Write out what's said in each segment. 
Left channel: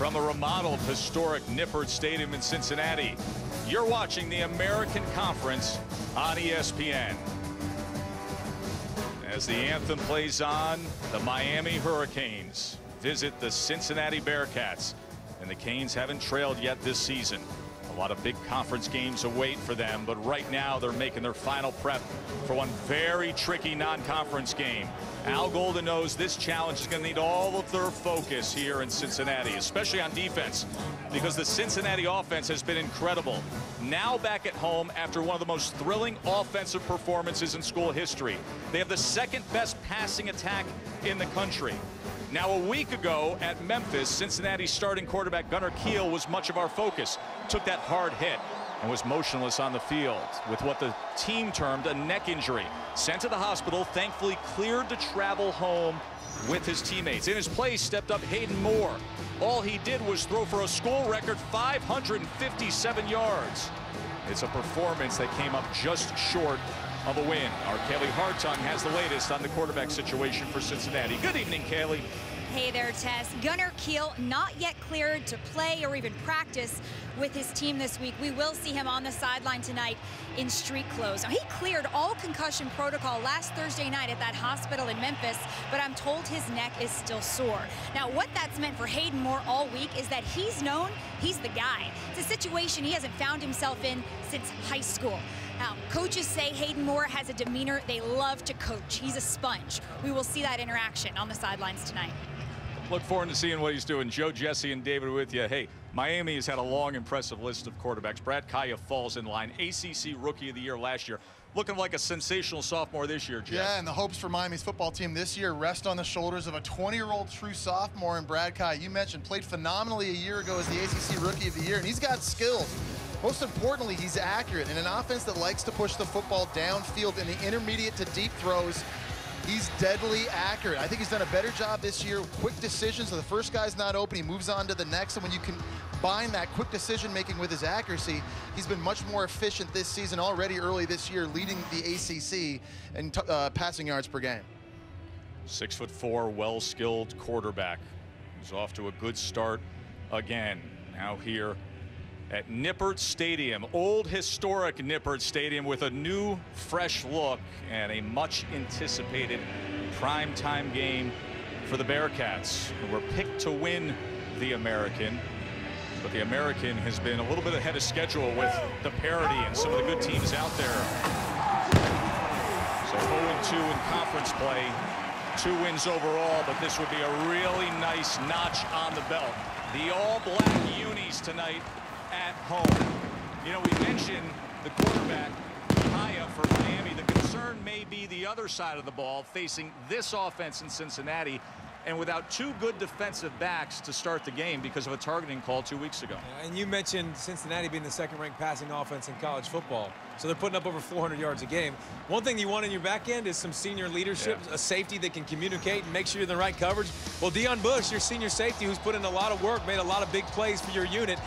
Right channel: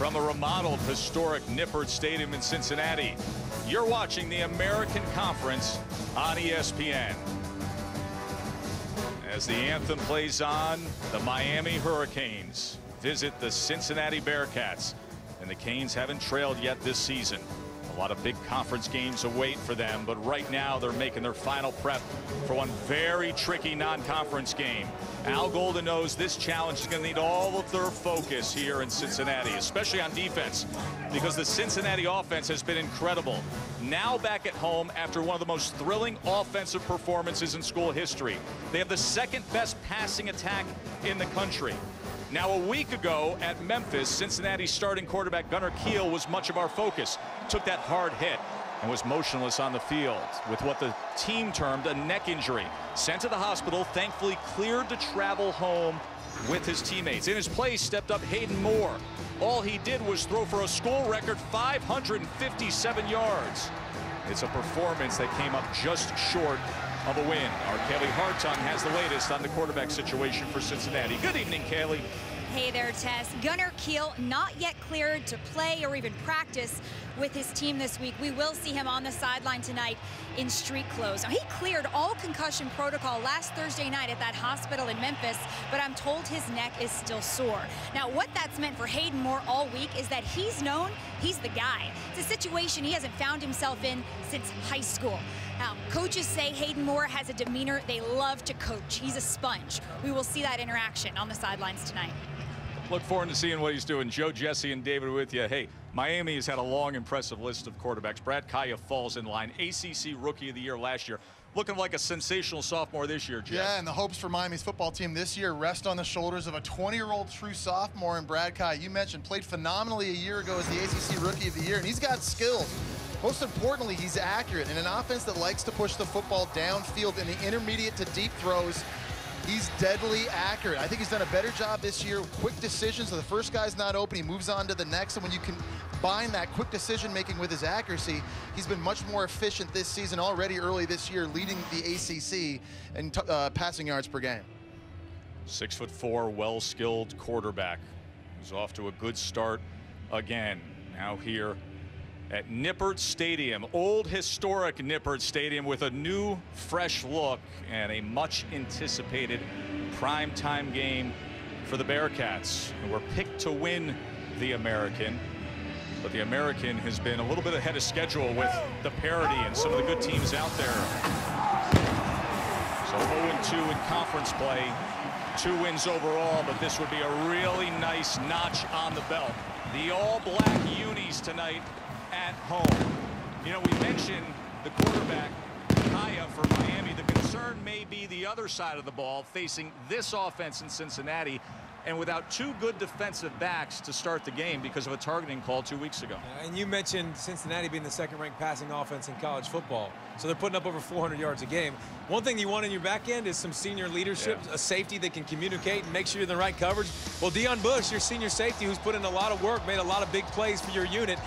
From the remodeled historic Nippert Stadium in Cincinnati, you're watching the American Conference on ESPN. As the anthem plays on, the Miami Hurricanes visit the Cincinnati Bearcats, and the Canes haven't trailed yet this season. A lot of big conference games await for them, but right now they're making their final prep for one very tricky non-conference game. Al Golden knows this challenge is going to need all of their focus here in Cincinnati, especially on defense, because the Cincinnati offense has been incredible. Now back at home after one of the most thrilling offensive performances in school history. They have the second best passing attack in the country. Now, a week ago at Memphis, Cincinnati's starting quarterback Gunner Kiel was much of our focus. Took that hard hit and was motionless on the field with what the team termed a neck injury. Sent to the hospital, thankfully cleared to travel home with his teammates. In his place stepped up Hayden Moore. All he did was throw for a school record 557 yards. It's a performance that came up just short of a win. Our Kaylee Hartung has the latest on the quarterback situation for Cincinnati. Good evening, Kaylee. Hey there, Tess. Gunner Kiel not yet cleared to play or even practice with his team this week. We will see him on the sideline tonight in street clothes. Now, he cleared all concussion protocol last Thursday night at that hospital in Memphis, but I'm told his neck is still sore. Now, what that's meant for Hayden Moore all week is that he's known he's the guy. It's a situation he hasn't found himself in since high school. Now, coaches say Hayden Moore has a demeanor they love to coach. He's a sponge. We will see that interaction on the sidelines tonight. Look forward to seeing what he's doing. Joe, Jesse, and David with you. Hey, Miami has had a long, impressive list of quarterbacks. Brad Kaaya falls in line. ACC Rookie of the Year last year. Looking like a sensational sophomore this year, Jeff. Yeah, and the hopes for Miami's football team this year rest on the shoulders of a 20-year-old true sophomore in Brad Kaaya. You mentioned played phenomenally a year ago as the ACC Rookie of the Year, and he's got skills. Most importantly, he's accurate. In an offense that likes to push the football downfield in the intermediate to deep throws, he's deadly accurate. I think he's done a better job this year. Quick decisions. So the first guy's not open, he moves on to the next. And when you combine that quick decision making with his accuracy, he's been much more efficient this season already early this year, leading the ACC in passing yards per game. 6'4", well-skilled quarterback. He's off to a good start again. Now here at Nippert Stadium, old historic Nippert Stadium, with a new, fresh look and a much-anticipated primetime game for the Bearcats, who were picked to win the American. But the American has been a little bit ahead of schedule with the parity and some of the good teams out there. So 0-2 in conference play, 2 wins overall, but this would be a really nice notch on the belt. The all-black unis tonight at home. You know, we mentioned the quarterback, Kaaya, for Miami. The concern may be the other side of the ball, facing this offense in Cincinnati, and without 2 good defensive backs to start the game because of a targeting call 2 weeks ago. And you mentioned Cincinnati being the second-ranked passing offense in college football. So they're putting up over 400 yards a game. One thing you want in your back end is some senior leadership, a safety that can communicate and make sure you're in the right coverage. Well, Deion Bush, your senior safety, who's put in a lot of work, made a lot of big plays for your unit.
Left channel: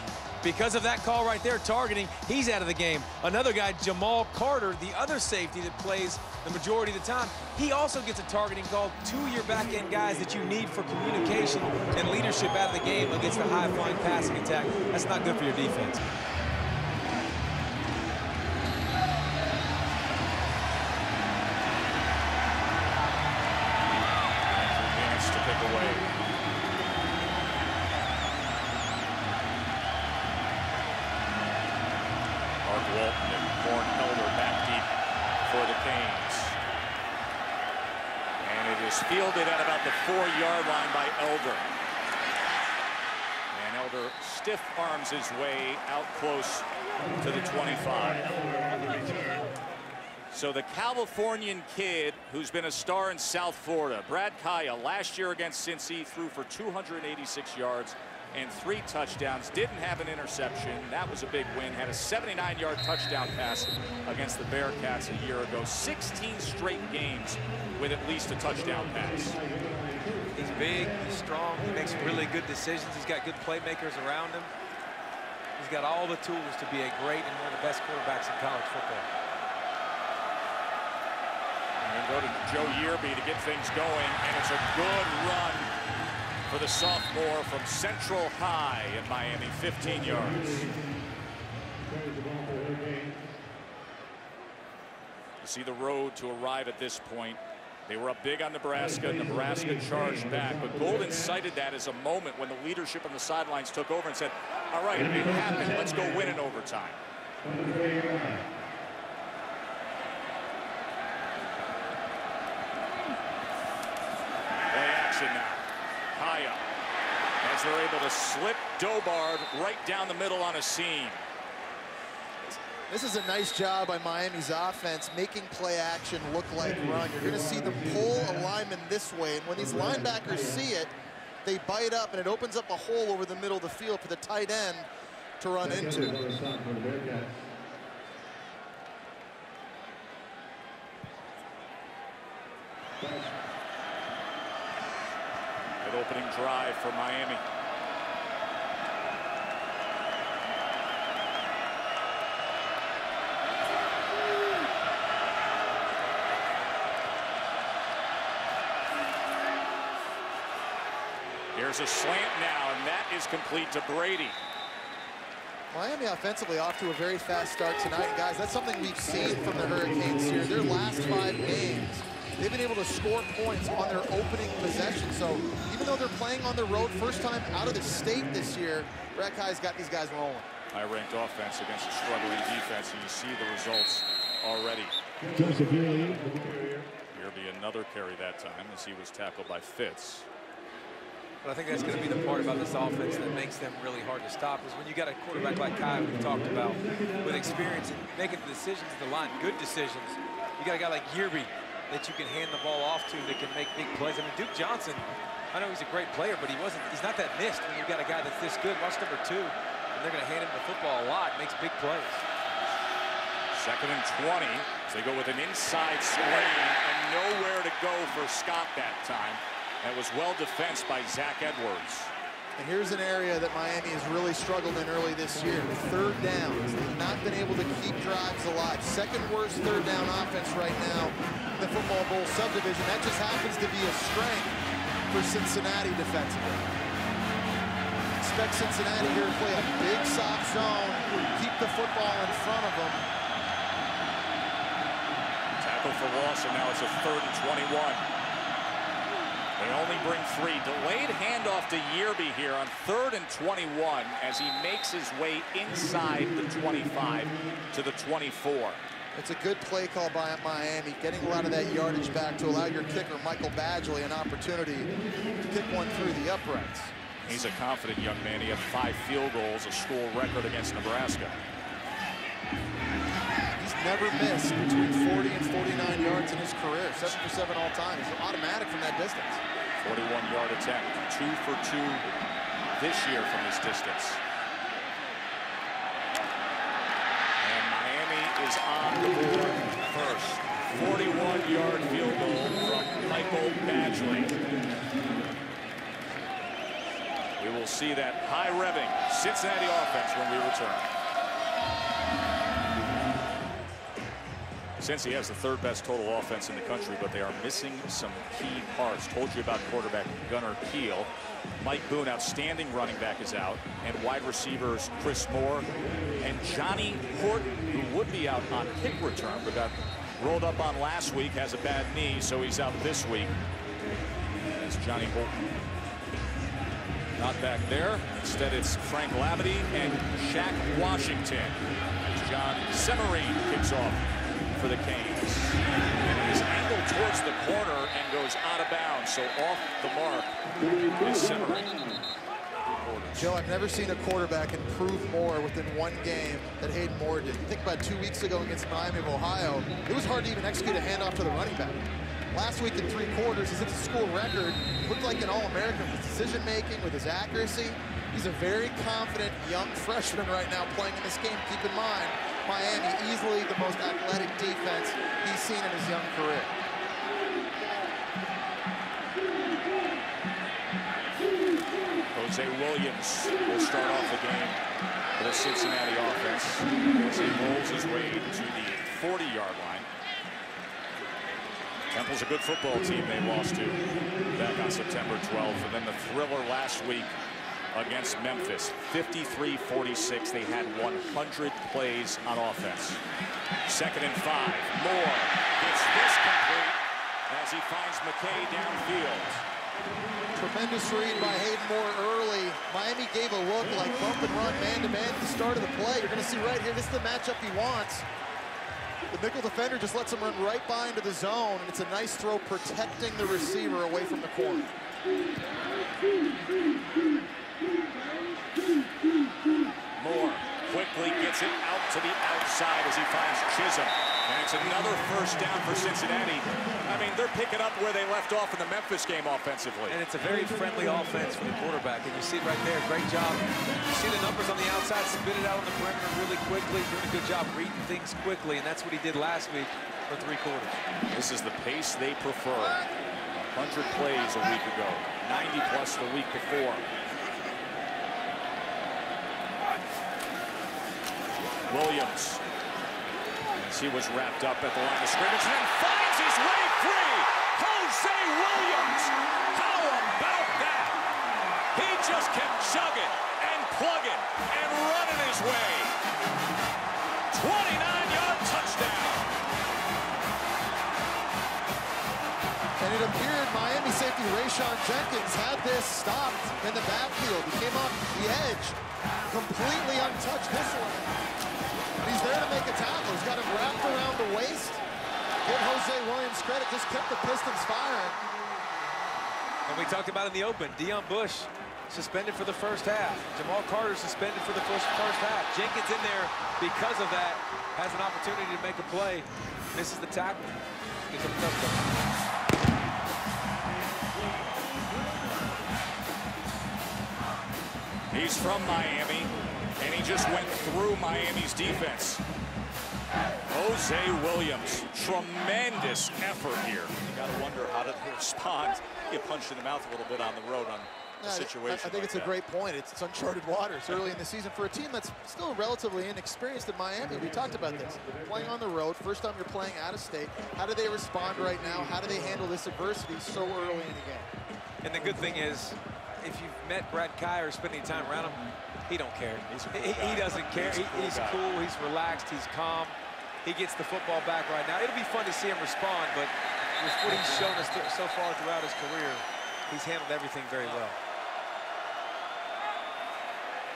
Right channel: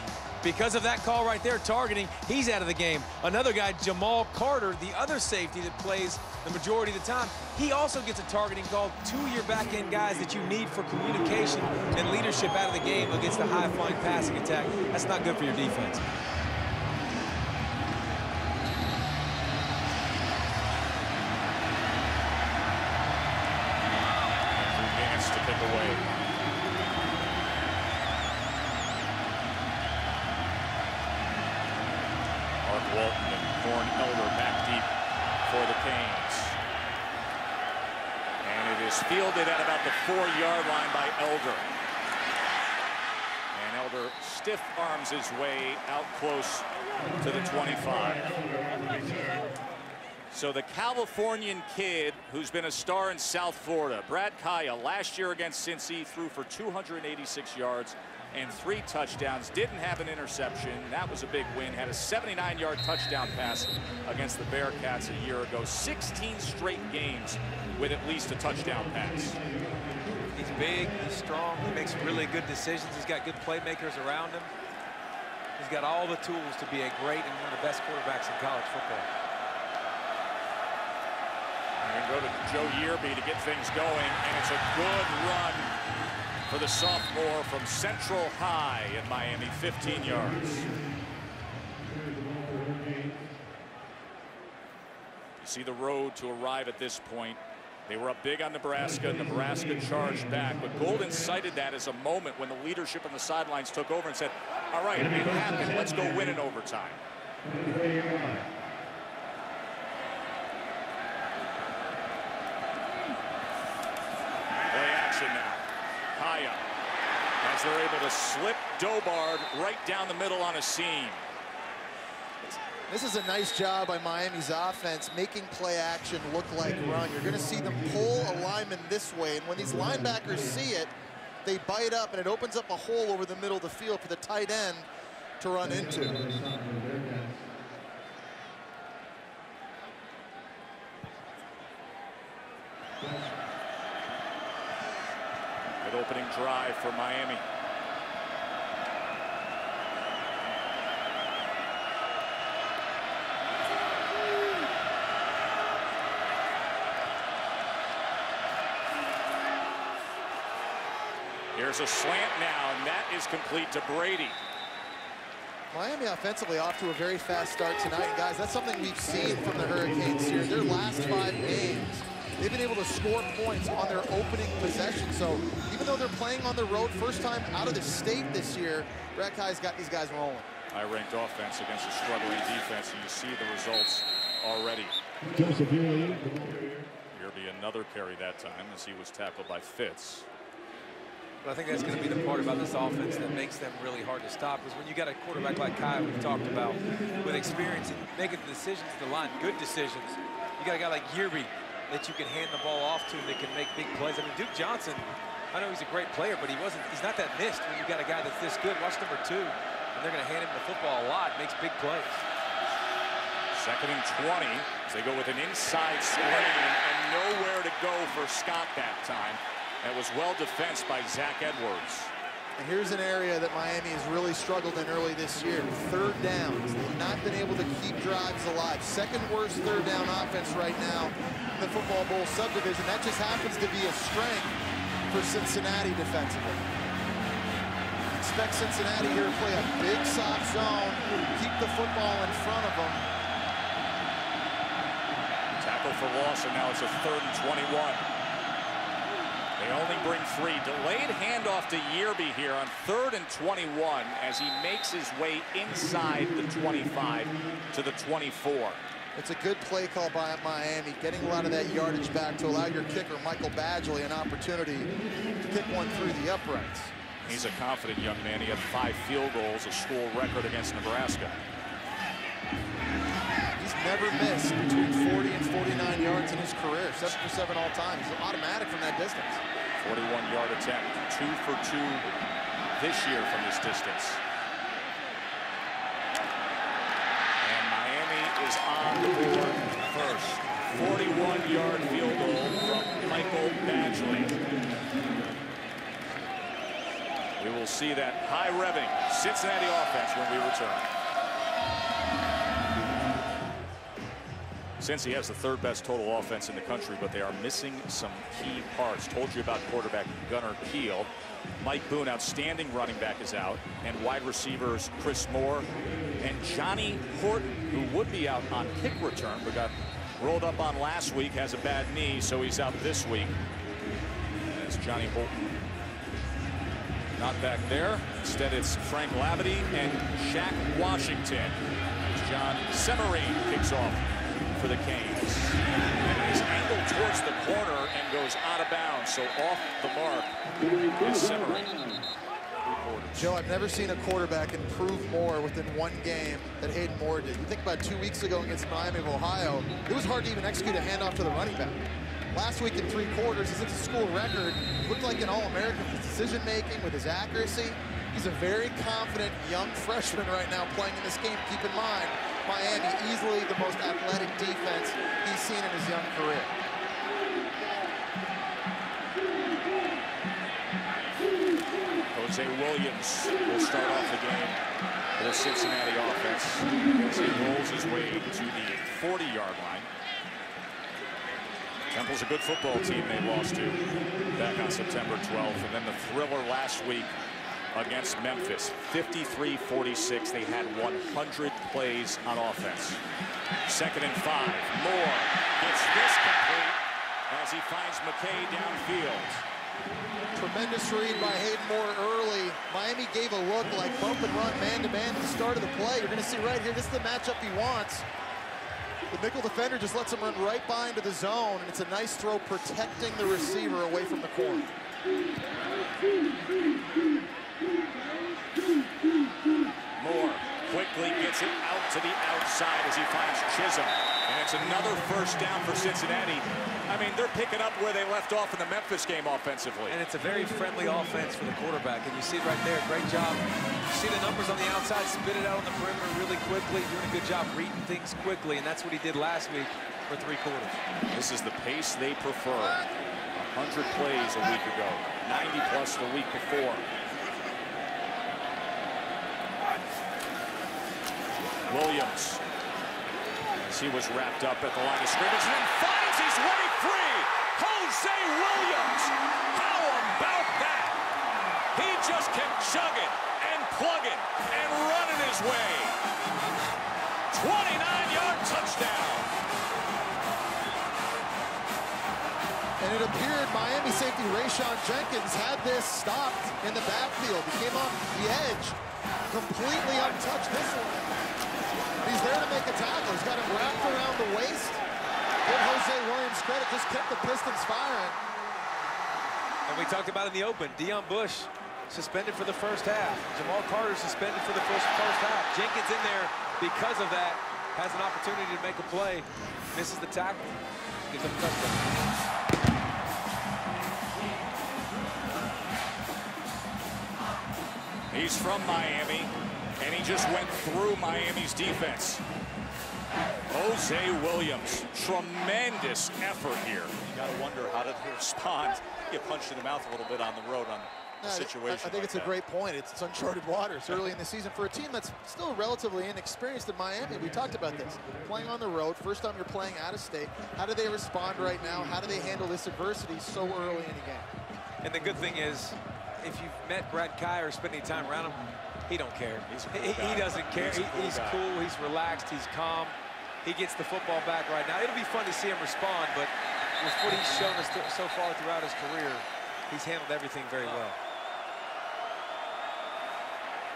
Because of that call right there, targeting, he's out of the game. Another guy, Jamal Carter, the other safety that plays the majority of the time, he also gets a targeting call. 2 of your back-end guys that you need for communication and leadership out of the game against the high-flying passing attack. That's not good for your defense. Andrew Gantz to kick away. Mark Walton and Corn Elder back deep for the Canes. And it is fielded at about the 4-yard line by Elder. And Elder stiff arms his way out close to the 25. So the Californian kid who's been a star in South Florida, Brad Kaaya, last year against Cincy, threw for 286 yards and 3 touchdowns, didn't have an interception. That was a big win. Had a 79-yard touchdown pass against the Bearcats a year ago. 16 straight games with at least a touchdown pass. He's big, he's strong, he makes really good decisions. He's got good playmakers around him. He's got all the tools to be a great and one of the best quarterbacks in college football. We're going to go to Joe Yearby to get things going, and it's a good run for the sophomore from Central High in Miami, 15 yards. You see the road to arrive at this point. They were up big on Nebraska. Nebraska charged back, but Golden cited that as a moment when the leadership on the sidelines took over and said, all right, it happened. Let's go win in overtime. Play action now. Kaaya, as they're able to slip Dobard right down the middle on a seam. This is a nice job by Miami's offense, making play action look like run. You're going to see them pull a lineman this way, and when these linebackers see it, they bite up, and it opens up a hole over the middle of the field for the tight end to run into. Good opening drive for Miami. Here's a slant now, and that is complete to Brady. Miami offensively off to a very fast start tonight. And guys, that's something we've seen from the Hurricanes here. Their last 5 games, they've been able to score points on their opening possession. So even though they're playing on the road, first time out of the state this year, Brad Kaaya's got these guys rolling. High-ranked offense against a struggling defense, and you see the results already. Yerby another carry that time as he was tackled by Fitz. But I think that's going to be the part about this offense that makes them really hard to stop, is when you got a quarterback like Kaaya we've talked about with experience and making the decisions at the line, good decisions. You got a guy like Yerby that you can hand the ball off to that can make big plays. I mean, Duke Johnson, I know he's a great player, but he's not that missed when you got a guy that's this good. Watch number 2, and they're going to hand him the football a lot, makes big plays. 2nd and 20 as they go with an inside screen and nowhere to go for Scott that time. That was well defensed by Zach Edwards. And here's an area that Miami has really struggled in early this year. 3rd downs. They've not been able to keep drives alive. 2nd worst 3rd down offense right now in the Football Bowl subdivision. That just happens to be a strength for Cincinnati defensively. Expect Cincinnati here to play a big soft zone, keep the football in front of them. Tackle for loss, and now it's a 3rd and 21. They only bring 3. Delayed handoff to Yerby here on 3rd and 21 as he makes his way inside the 25 to the 24. It's a good play call by Miami, getting a lot of that yardage back to allow your kicker, Michael Badgley, an opportunity to kick one through the uprights. He's a confident young man. He had 5 field goals, a school record against Nebraska. He's never missed between 40 and 49 yards in his career. 7 for 7 all time. He's automatic from that distance. 41-yard attempt. 2 for 2 this year from this distance. And Miami is on the board first. 41-yard field goal from Michael Badgley. We will see that high-revving Cincinnati offense when we return. Cincy has the 3rd best total offense in the country, but they are missing some key parts. Told you about quarterback Gunner Kiel. Mike Boone, outstanding running back, is out. And wide receivers Chris Moore and Johnny Horton, who would be out on kick return, but got rolled up on last week, has a bad knee, so he's out this week. As Johnny Horton not back there. Instead, it's Frank Labadie and Shaq Washington. As John Semerine kicks off for the Canes. And it is angled towards the corner and goes out of bounds. So off the mark is Semerine. 3/4. Joe, I've never seen a quarterback improve more within 1 game than Hayden Moore did. You think about 2 weeks ago against Miami of Ohio, it was hard to even execute a handoff to the running back. Last week in 3 quarters, he's at the school record. Looked like an All-American with his decision-making, with his accuracy. He's a very confident young freshman right now playing in this game. Keep in mind, Miami, easily the most athletic defense he's seen in his young career. Jose Williams will start off the game for the Cincinnati offense as he rolls his way to the 40-yard line. Temple's a good football team they lost to back on September 12th. And then the thriller last week against Memphis, 53-46. They had 100 plays on offense. 2nd and 5. Moore gets this complete as he finds McKay downfield. Tremendous read by Hayden Moore early. Miami gave a look like bump and run man-to-man at the start of the play. You're going to see right here, this is the matchup he wants. The nickel defender just lets him run right by into the zone, and it's a nice throw protecting the receiver away from the corner. Moore quickly gets it out to the outside as he finds Chisholm. And it's another first down for Cincinnati. I mean, they're picking up where they left off in the Memphis game offensively. And it's a very friendly offense for the quarterback. And you see it right there. Great job. You see the numbers on the outside, spit it out on the perimeter really quickly, doing a good job reading things quickly. And that's what he did last week for 3 quarters. This is the pace they prefer. 100 plays a week ago, 90 plus the week before. Williams, as he was wrapped up at the line of scrimmage, and then finds his way free. Jose Williams, how about that? He just kept chugging and plugging and running his way. 29-yard touchdown. And it appeared Miami safety Rayshon Jenkins had this stopped in the backfield. He came off the edge, completely untouched this one. He's there to make a tackle. He's got him wrapped around the waist. Give Jose Williams credit, just kept the Pistons firing. And we talked about in the open, Deion Bush suspended for the first half. Jamal Carter suspended for the first half. Jenkins in there because of that, has an opportunity to make a play. Misses the tackle, gives up a touchdown. He's from Miami, and he just went through Miami's defense. Jose Williams, tremendous effort here. You got to wonder, how did he respond? He get punched in the mouth a little bit on the road on a situation I think it's a great point. It's uncharted waters early in the season for a team that's still relatively inexperienced in Miami. We talked about this. Playing on the road, first time you're playing out of state. How do they respond right now? How do they handle this adversity so early in the game? And the good thing is, if you've met Brad Kaaya or spent any time around him, he don't care. He's a cool guy. He doesn't care. He's cool. He's relaxed. He's calm. He gets the football back right now. It'll be fun to see him respond, but with what he's shown us so far throughout his career, he's handled everything very well.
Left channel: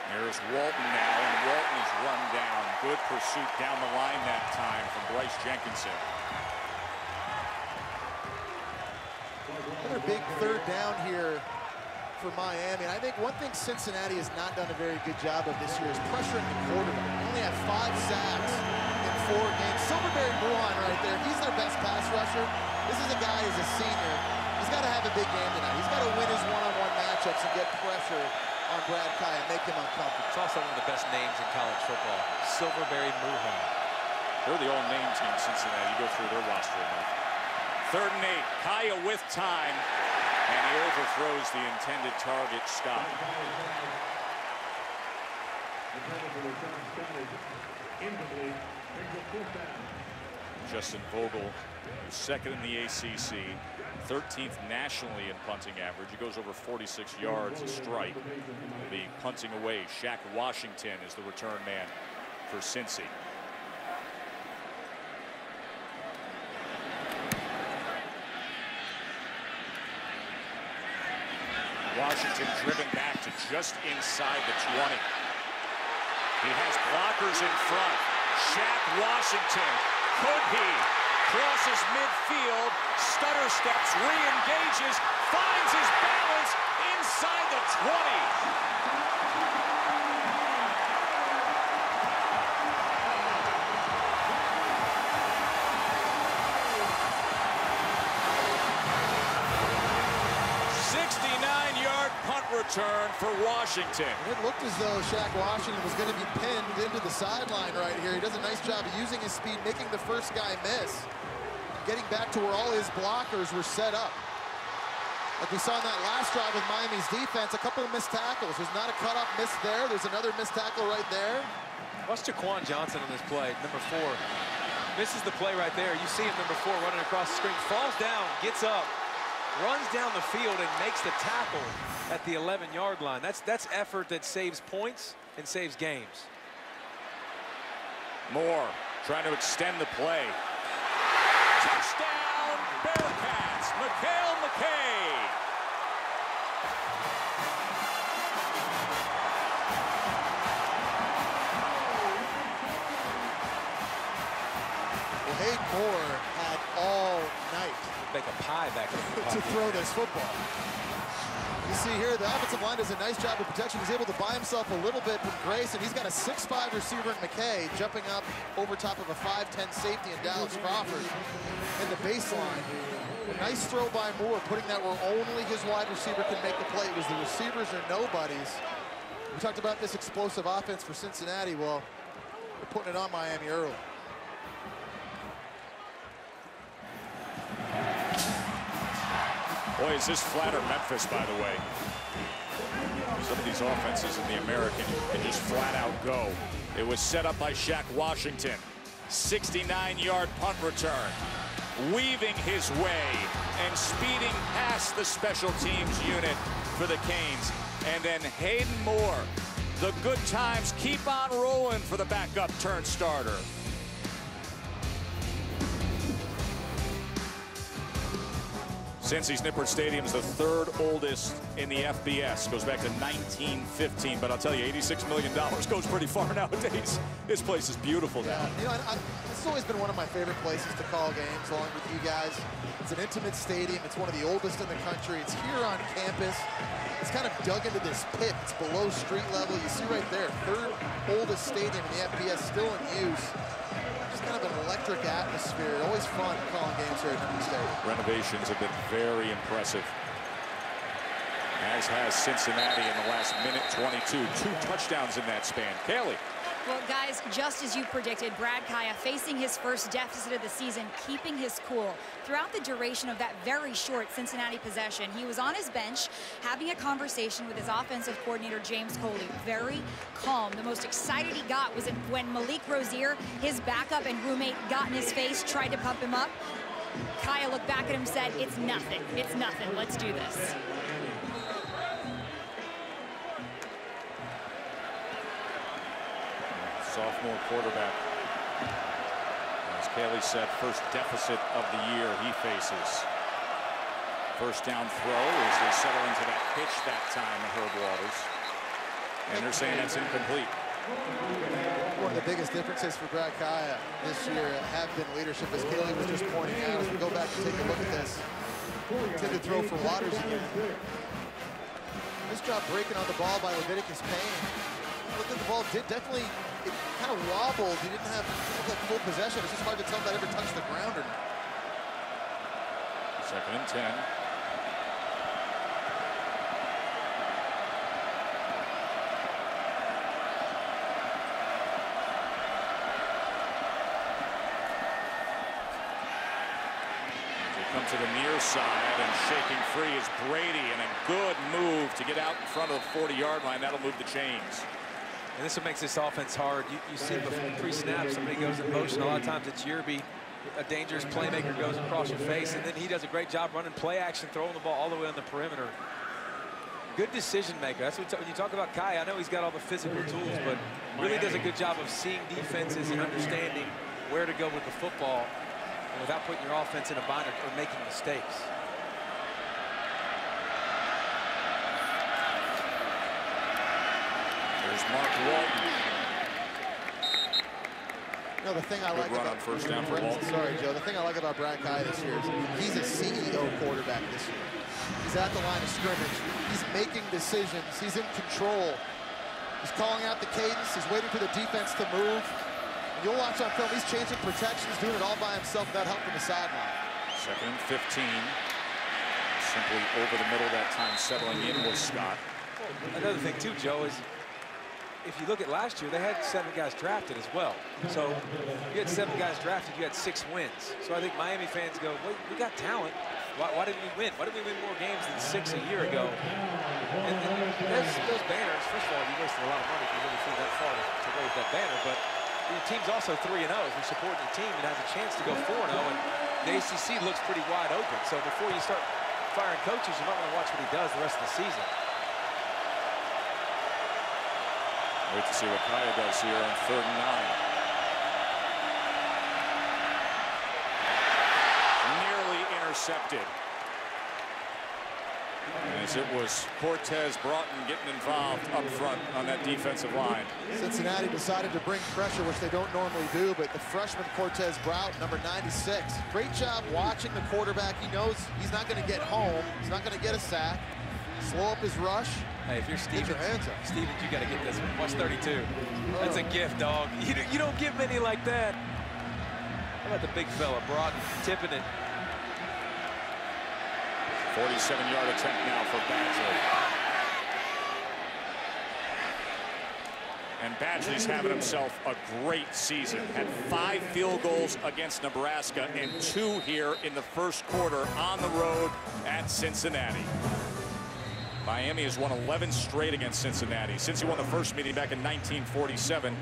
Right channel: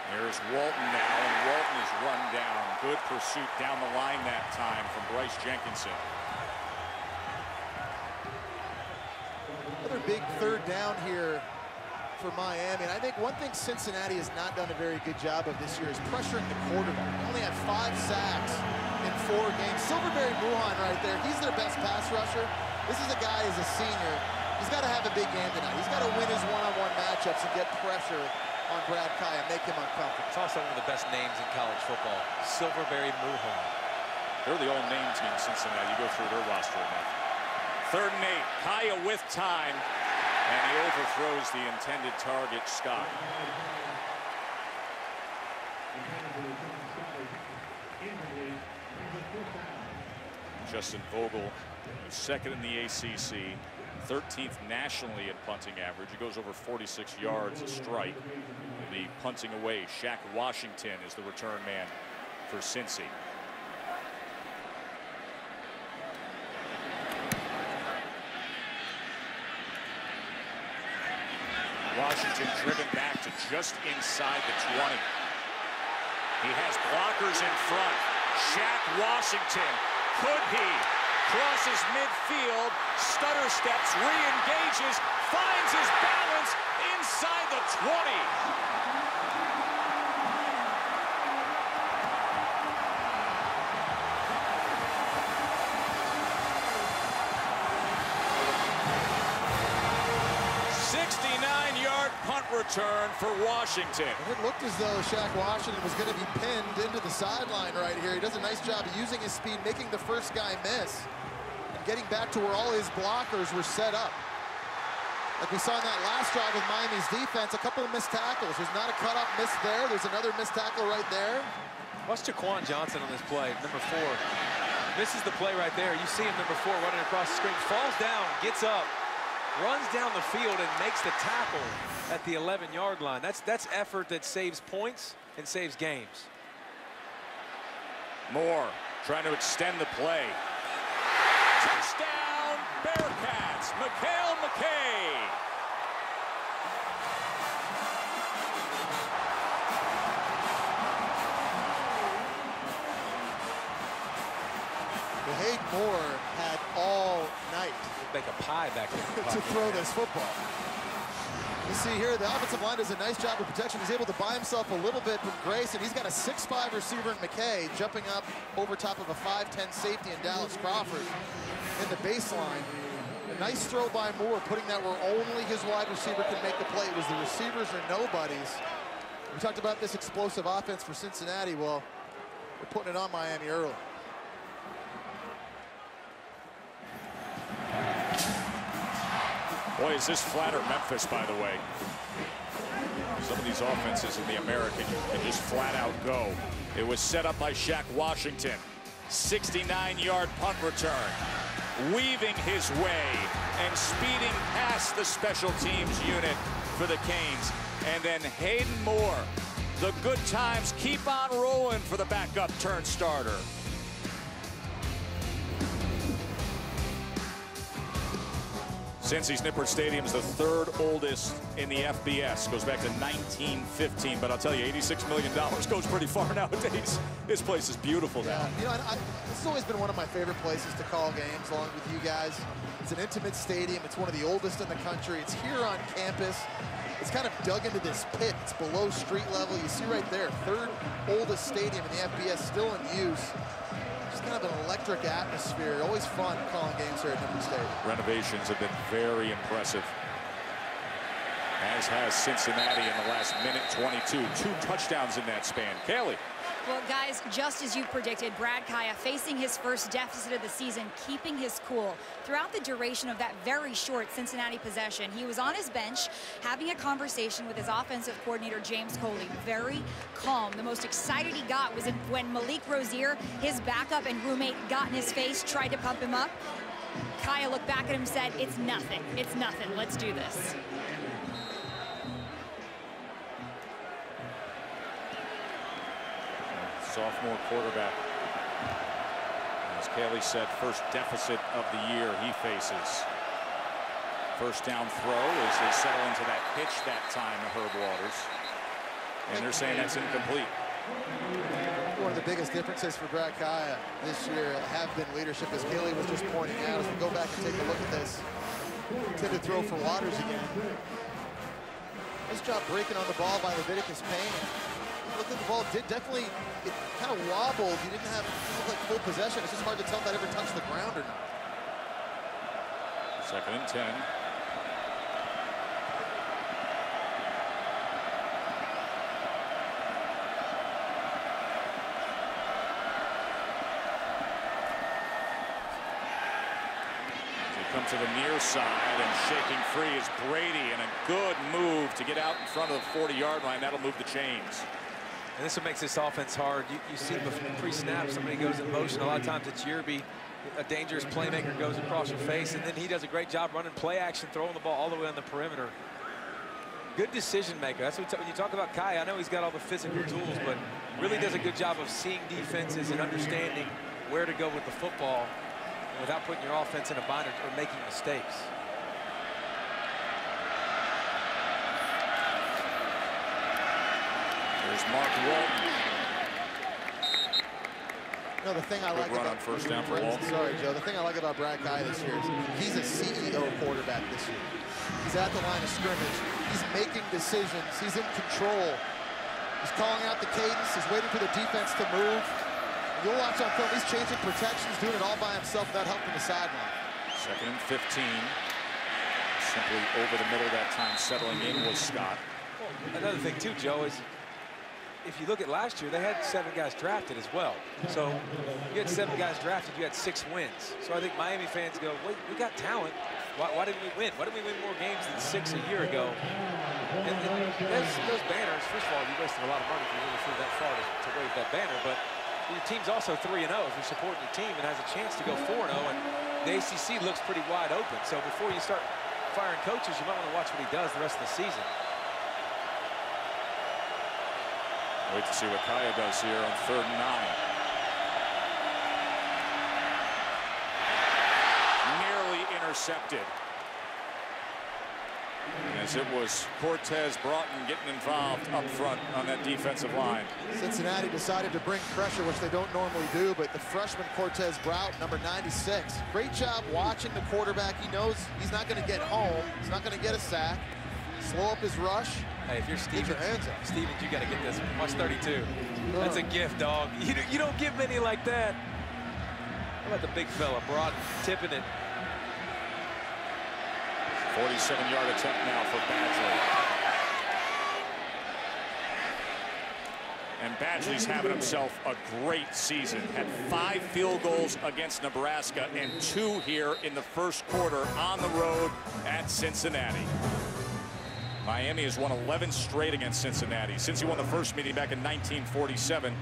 Here's Walton now, and Walton is run down. Good pursuit down the line that time from Bryce Jenkinson. Another big third down here for Miami. And I think one thing Cincinnati has not done a very good job of this year is pressuring the quarterback. They only have 5 sacks in 4 games. Silverberry Muhan right there, he's their best pass rusher. This is a guy who's a senior. He's got to have a big game tonight. He's got to win his one-on-one matchups and get pressure on Brad Kaaya, make him uncomfortable. It's also one of the best names in college football, Silverberry Muhan. They're the old name team, Cincinnati. You go through their roster enough. 3rd and 8, Kaaya with time, and he overthrows the intended target, Scott. Justin Vogel, who's 2nd in the ACC, 13th nationally in punting average. He goes over 46 yards a strike. Will be punting away. Shaq Washington is the return man for Cincy. Washington driven back to just inside the 20. He has blockers in front. Shaq Washington, could he? Crosses midfield, stutter steps, re-engages, finds his balance inside the 20. Punt return for Washington. And it looked as though Shaq Washington was going to be pinned into the sideline right here. He does a nice job of using his speed, making the first guy miss, and getting back to where all his blockers were set up. Like we saw in that last drive with Miami's defense, a couple of missed tackles. There's not a cut-up miss there. There's another missed tackle right there. Watch Jaquan Johnson on this play, number 4. Misses the play right there. You see him, number 4, running across the screen. Falls down, gets up, runs down the field, and makes the tackle at the 11-yard line. That's effort that saves points and saves games. Moore trying to extend the play. Touchdown, Bearcats, Mikhail McKay. Well, Hayden Moore had all night Make a pie back there to throw this football. You see here, the offensive line does a nice job of protection. He's able to buy himself a little bit from Grace, and he's got a 6'5" receiver in McKay jumping up over top of a 5'10" safety in Dallas Crawford in the baseline. A nice throw by Moore, putting that where only his wide receiver can make the play. It was the receivers or nobodies. We talked about this explosive offense for Cincinnati. Well, they're putting it on Miami early. Boy, is this flatter Memphis, by the way. Some of these offenses in the American, you can just flat out go. It was set up by Shaq Washington. 69-yard punt return. Weaving his way and speeding past the special teams unit for the Canes. And then Hayden Moore. The good times keep on rolling for the backup turn starter. Cincy's Nippert Stadium is the 3rd oldest in the FBS. Goes back to 1915, but I'll tell you, $86 million goes pretty far nowadays. This place is beautiful now. Yeah, you know, this has always been one of my favorite places to call games, along with you guys. It's an intimate stadium. It's one of the oldest in the country. It's here on campus. It's kind of dug into this pit. It's below street level. You see right there, 3rd oldest stadium in the FBS, still in use. Just kind of an electric atmosphere. Always fun calling games here at Nippert Stadium. Renovations have been very impressive, as has Cincinnati in the last minute 22. 2 touchdowns in that span. Kaylee. Well, guys, just as you predicted, Brad Kaaya facing his first deficit of the season, keeping his cool. Throughout the duration of that very short Cincinnati possession, he was on his bench having a conversation with his offensive coordinator, James Coley. Very calm. The most excited he got was when Malik Rozier, his backup and roommate, got in his face, tried to pump him up. Kaaya looked back at him and said, "It's nothing. It's nothing. Let's do this." Sophomore quarterback. As Kaylee said, first deficit of the year he faces. First down throw as they settle into that pitch that time to Herb Waters. And they're saying that's incomplete. One of the biggest differences for Brad Kaaya this year have been leadership, as Kaylee was just pointing out. As we go back and take a look at this, intended throw for Waters again. Nice job breaking on the ball by Leviticus Payne. Look at the ball, it kind of wobbled. He didn't look like full possession. It's just hard to tell if that ever touched the ground or not. 2nd and 10. As they come to the near side, and shaking free is Brady, and a good move to get out in front of the 40-yard line. That'll move the chains. And this is what makes this offense hard. You see pre-snap, somebody goes in motion. A lot of times it's Yerby, a dangerous playmaker, goes across your face, and then he does a great job running play action, throwing the ball all the way on the perimeter. Good decision maker. That's what when you talk about Kai, I know he's got all the physical tools, but really does a good job of seeing defenses and understanding where to go with the football and without putting your offense in a bind or making mistakes. There's Mark Walton. You know, the thing I like run about on first down for Walton. Sorry, Joe. The thing I like about Brad Kaaya this year is he's a CEO quarterback this year. He's at the line of scrimmage. He's making decisions. He's in control. He's calling out the cadence. He's waiting for the defense to move. And you'll watch on film, he's changing protections, doing it all by himself without help from the sideline. 2nd and 15. Simply over the middle that time, settling in was Scott. Well, another thing too, Joe, is if you look at last year, they had 7 guys drafted as well. So you had 7 guys drafted, you had 6 wins. So I think Miami fans go, wait, we got talent. Why didn't we win? Why didn't we win more games than 6 a year ago? And those banners, first of all, you wasted a lot of money if you really flew that far to wave that banner. But your team's also 3-0 if you're supporting your team and has a chance to go 4-0, and the ACC looks pretty wide open. So before you start firing coaches, you might want to watch what he does the rest of the season. Wait to see what Kaaya does here on 3rd and 9. Nearly intercepted. As it was Cortez Broughton getting involved up front on that defensive line. Cincinnati decided to bring pressure, which they don't normally do, but the freshman Cortez Broughton, number 96, great job watching the quarterback. He knows he's not going to get home. He's not going to get a sack. Slow up his rush. Hey, if you're Stevens, you got to get this one. Watch 32. Oh. That's a gift, dog. You don't give many like that. How about the big fella, Broughton, tipping it. 47-yard attempt now for Badgley. And Badgley's having himself a great season. Had 5 field goals against Nebraska and 2 here in the first quarter on the road at Cincinnati. Miami has won 11 straight against Cincinnati since he won the first meeting back in 1947.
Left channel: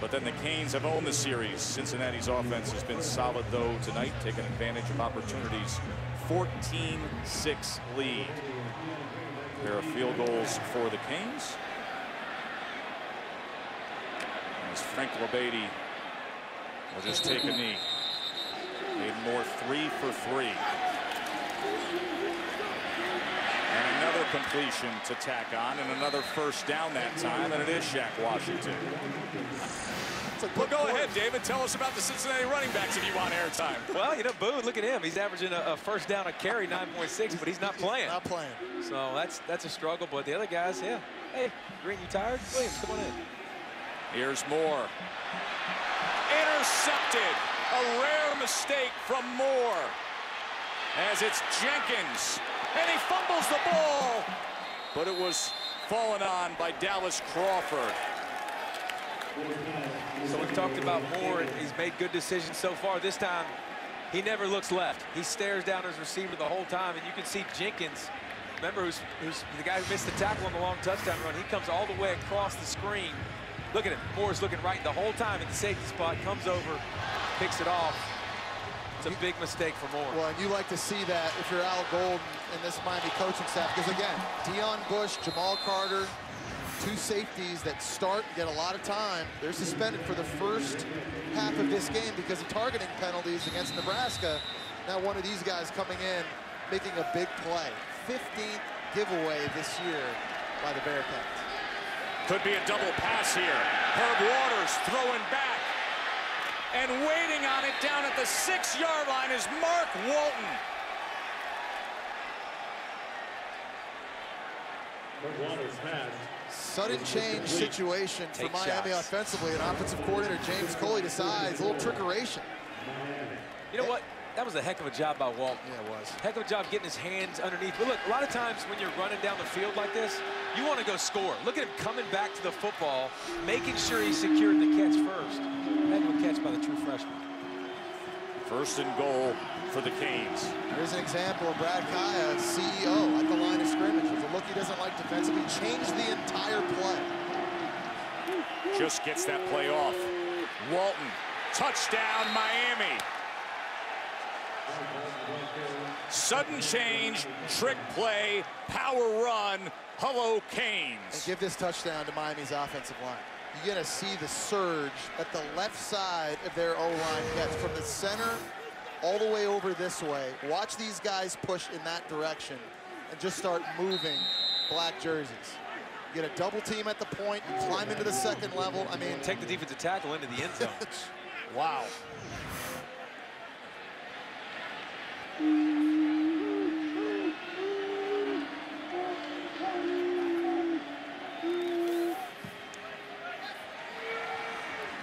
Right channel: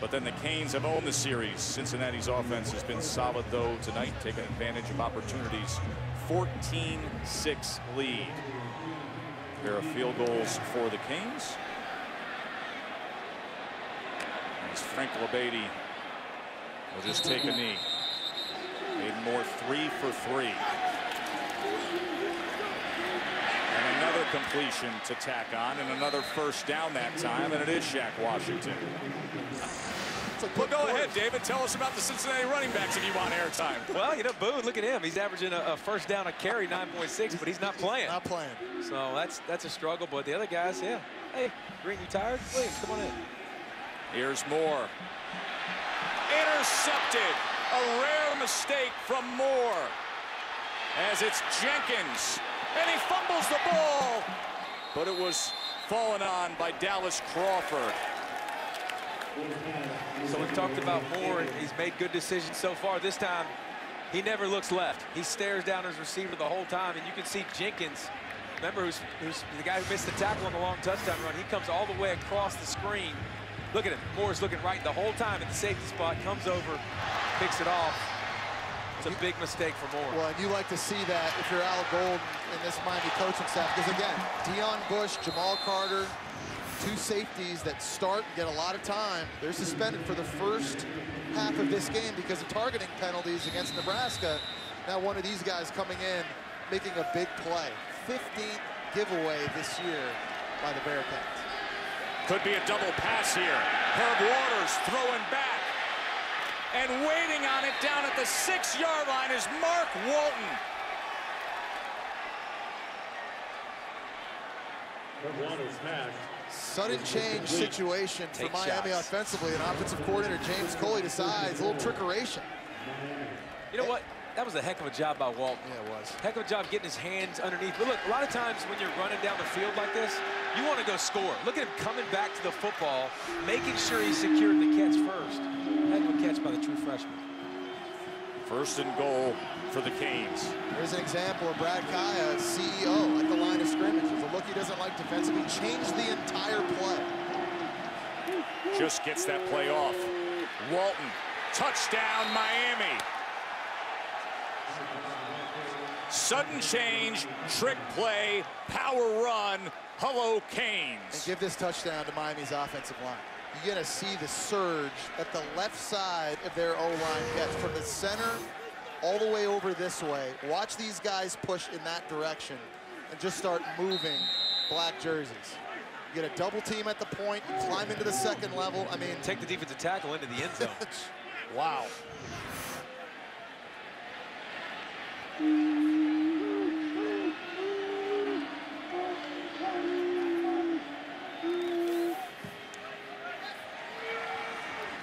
But then the Canes have owned the series. Cincinnati's offense has been solid, though, tonight, taking advantage of opportunities. 14-6 lead. A pair of field goals for the Canes. As Frank LeBady will just take a knee. Hayden Moore 3 for 3. And another completion to tack on, and another first down that time, and it is Shaq Washington. Well, go ahead, David. Tell us about the Cincinnati running backs if you want airtime. Well, you know, Boone, look at him. He's averaging a first down a carry, 9.6, but he's not playing. Not playing. So that's a struggle. But the other guys, yeah. Hey, Green, you tired? Williams, come on in. Here's Moore. Intercepted. A rare mistake from Moore. As it's Jenkins. And he fumbles the ball. But it was fallen on by Dallas Crawford. So we've talked about Moore, and he's made good decisions so far. This time, he never looks left. He stares down his receiver the whole time, and you can see Jenkins, remember, who's the guy who missed the tackle on the long touchdown run. He comes all the way across the screen. Look at him. Moore's looking right the whole time at the safety spot, comes over, picks it off. It's a big mistake for Moore. Well, and you like to see that if you're Al Golden and this Miami coaching staff, because again, Deion Bush, Jamal Carter, 2 safeties that start and get a lot of time. They're suspended for the first half of this game because of targeting penalties against Nebraska. Now one of these guys coming in, making a big play. 15th giveaway this year by the Bearcats. Could be a double pass here. Herb Waters throwing back. And waiting on it down at the 6-yard line is Mark Walton. Waters pass. Sudden change situation for Miami offensively, and offensive coordinator James Coley decides a little trickeration. You know what? That was a heck of a job by Walton. Yeah, it was. Heck of a job getting his hands underneath. But look, a lot of times when you're running down the field like this, you want to go score. Look at him coming back to the football, making sure he secured the catch first. Heck of a catch by the true freshman. 1st and goal for the Canes. Here's an example of Brad Kaaya, CEO, at the line of scrimmage. With a look he doesn't like defensively, changed the entire play. Just gets that play off. Walton, touchdown Miami. Sudden change, trick play, power run. Hello, Canes. And give this touchdown to Miami's offensive line. You're going to see the surge at the left side of their O-line gets from the center all the way over this way. Watch these guys push in that direction and just start moving black jerseys. You get a double team at the point, you climb into the 2nd level. I mean, take the defensive tackle into the end zone. Wow.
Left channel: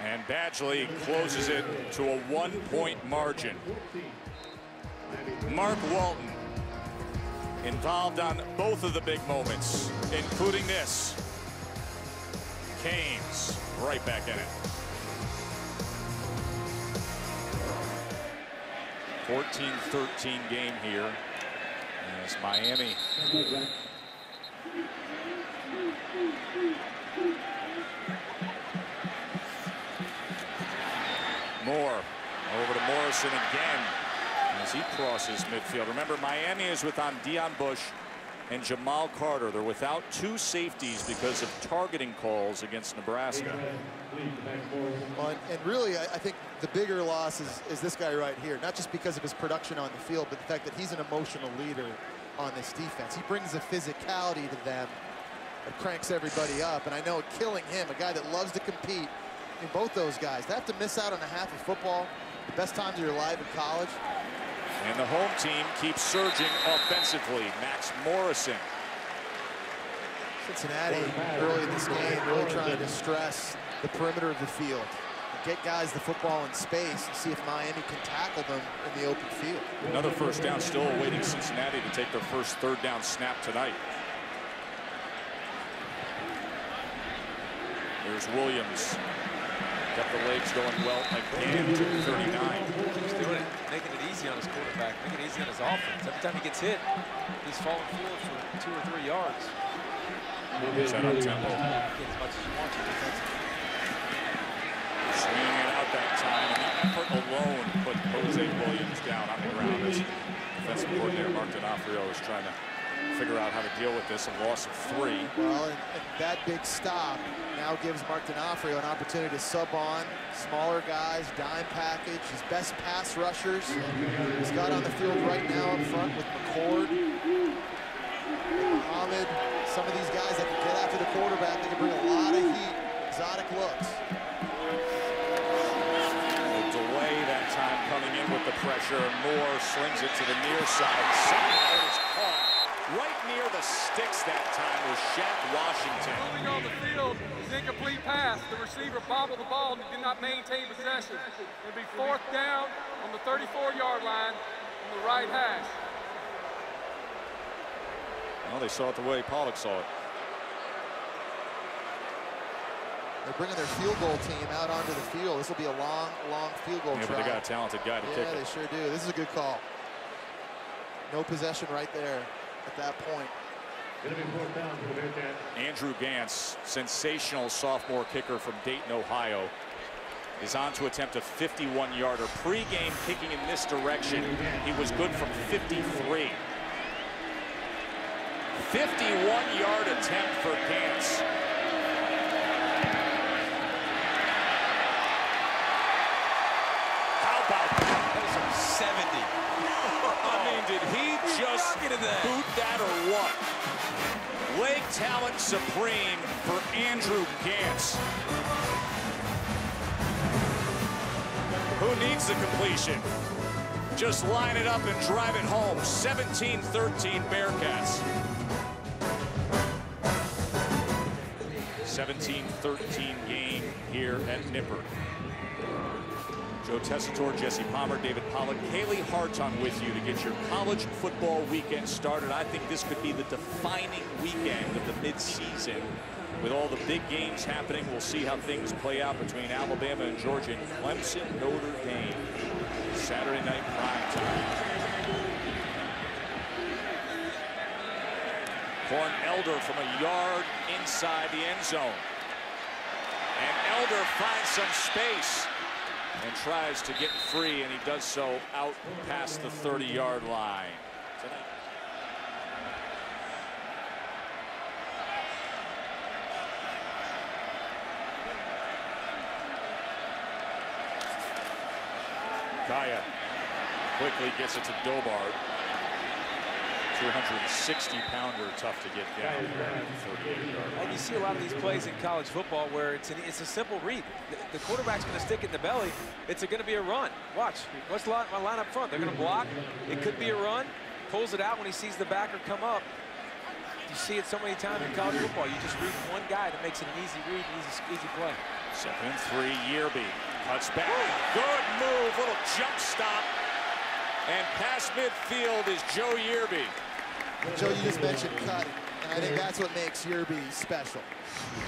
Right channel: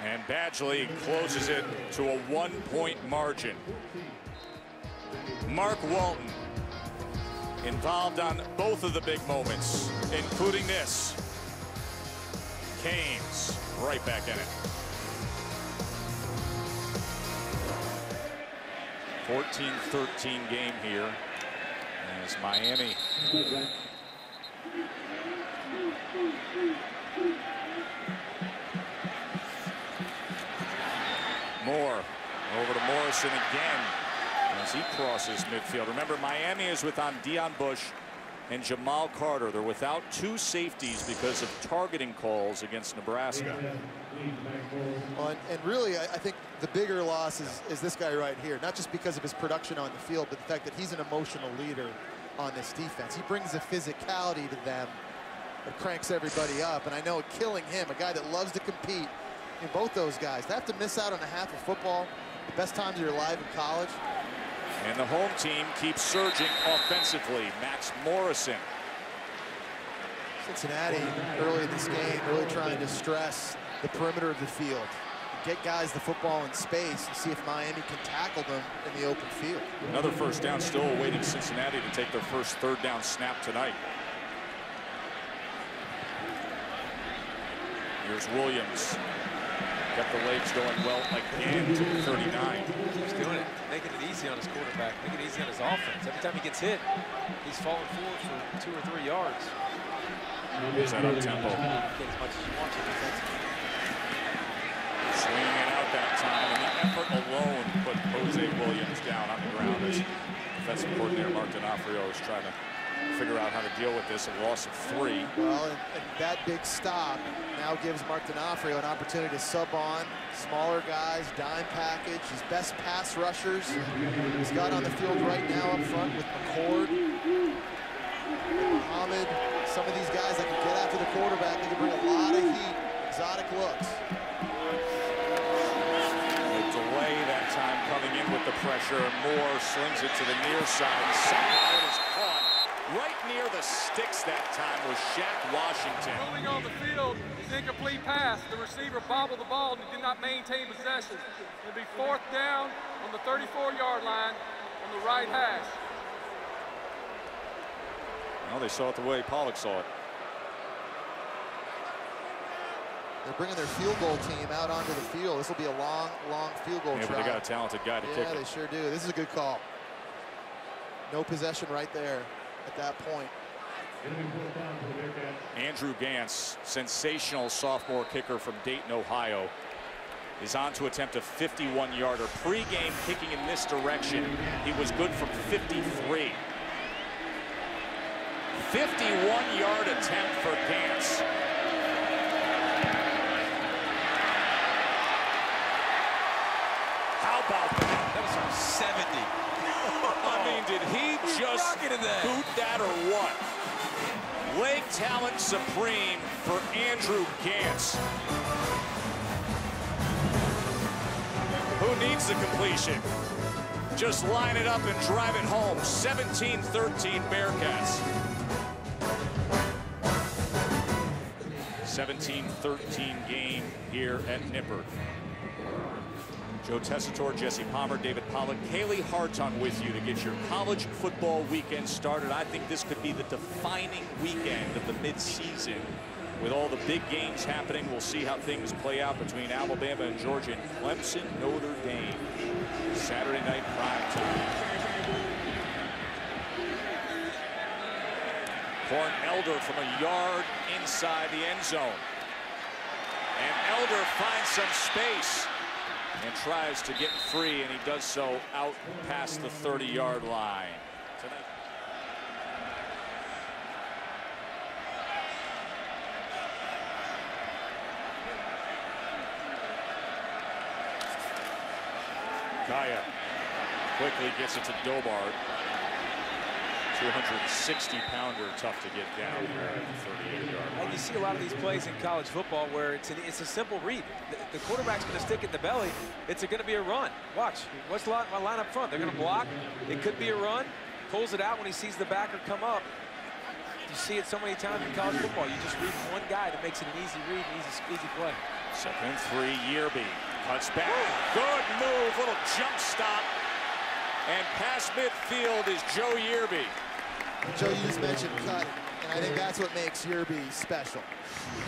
And Badgley closes it to a 1-point margin. Mark Walton involved on both of the big moments, including this. Canes right back in it. 14-13 game here as Miami Moore over to Morrison again as he crosses midfield. Remember, Miami is without Deion Bush and Jamal Carter. They're without 2 safeties because of targeting calls against Nebraska. Well, and really, I think the bigger loss is this guy right here, not just because of his production on the field, but the fact that he's an emotional leader on this defense. He brings a physicality to them that cranks everybody up, and I know killing him, a guy that loves to compete, in both those guys, to have to miss out on a half of football, the best times of your life in college. And the home team keeps surging offensively. Max Morrison. Cincinnati early in this game really trying to stress the perimeter of the field, get guys the football in space and see if Miami can tackle them in the open field. Another first down, still awaiting Cincinnati to take their first third down snap tonight. Here's Williams. Kept the legs going well again to the 39. He keeps doing it, making it easy on his quarterback, making it easy on his offense. Every time he gets hit, he's falling forward for 2 or 3 yards. Is that up tempo? Get as much as you want to defensively. Swinging it out that time, and the effort alone put Jose Williams down on the ground as defensive coordinator Mark D'Onofrio is trying to figure out how to deal with this, a loss of 3. Well, and that big stop now gives Mark D'Onofrio an opportunity to sub on smaller guys, dime package, his best pass rushers. He's got on the field right now up front with McCord and Muhammad. Some of these guys that can get after the quarterback, they can bring a lot of heat, exotic looks. Delay that time coming in with the pressure. Moore slings it to the near side. Somehow it is caught right near the sticks that time was Shaq Washington. Ruling on the field is incomplete pass. The receiver bobbled the ball and did not maintain possession. It'll be 4th down on the 34-yard line on the right hash. Well, they saw it the way Pollock saw it. They're bringing their field goal team out onto the field. This will be a long, long field goal Yeah, but they got a talented guy to kick it. Yeah, they sure do. This is a good call. No possession right there at that point. Andrew Gantz, sensational sophomore kicker from Dayton, Ohio, is on to attempt a 51-yarder. Pre-game kicking in this direction, he was good from 53. 51-yard attempt for Gantz. How about that? That was from 70. I mean, did he just boot that or what? Leg talent supreme for Andrew Gantz. Who needs the completion? Just line it up and drive it home. 17-13 Bearcats. 17-13 game here at Nippert. Joe Tessitore, Jesse Palmer, David Pollock, Kaylee Hartung with you to get your college football weekend started. I think this could be the defining weekend of the midseason with all the big games happening. We'll see how things play out between Alabama and Georgia and Clemson, Notre Dame. Saturday night prime time. Corn Elder from a yard inside the end zone. And Elder finds some space and tries to get free, and he does so out past the 30-yard line. Tonight. Kaaya quickly gets it to Dobard. 260-pounder, tough to get down there at the 38-yard line. And you see a lot of these plays in college football where it's a simple read. The quarterback's going to stick it in the belly. It's going to be a run. Watch. What's my line up front? They're going to block. It could be a run. Pulls it out when he sees the backer come up. You see it so many times in college football. You just read one guy that makes it an easy read, an easy play. 2nd and 3, Yearby cuts back. Good move. Little jump stop. And past midfield is Joe Yearby. Joe, you just mentioned cutting, and I think that's what makes Yearby special.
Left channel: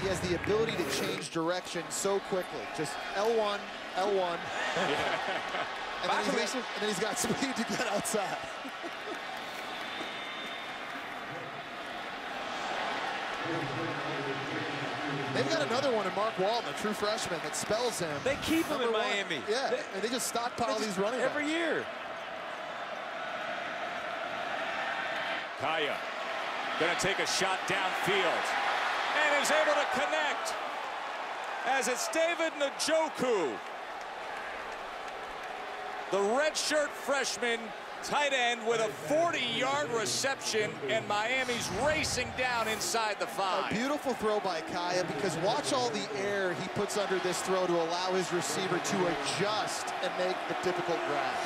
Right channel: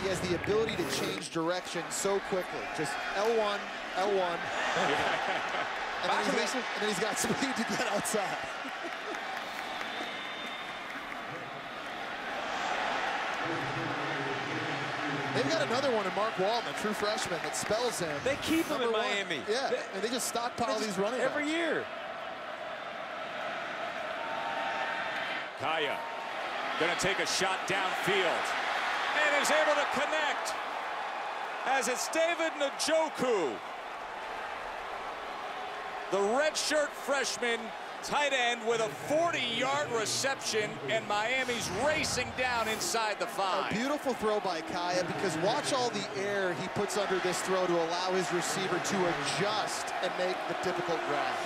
He has the ability to change direction so quickly. Just L1, L1. and then he's got speed to get outside. They've got another one in Mark Walton, a true freshman that spells him. They keep him in Miami. Yeah, they just stockpile these running backs. Every year. Kaaya gonna take a shot downfield and is able to connect as it's David Njoku, the redshirt freshman tight end, with a 40-yard reception, and Miami's racing down inside the 5. A beautiful throw by Kaaya, because watch all the air he puts under this throw to allow his receiver to adjust and make the difficult grab.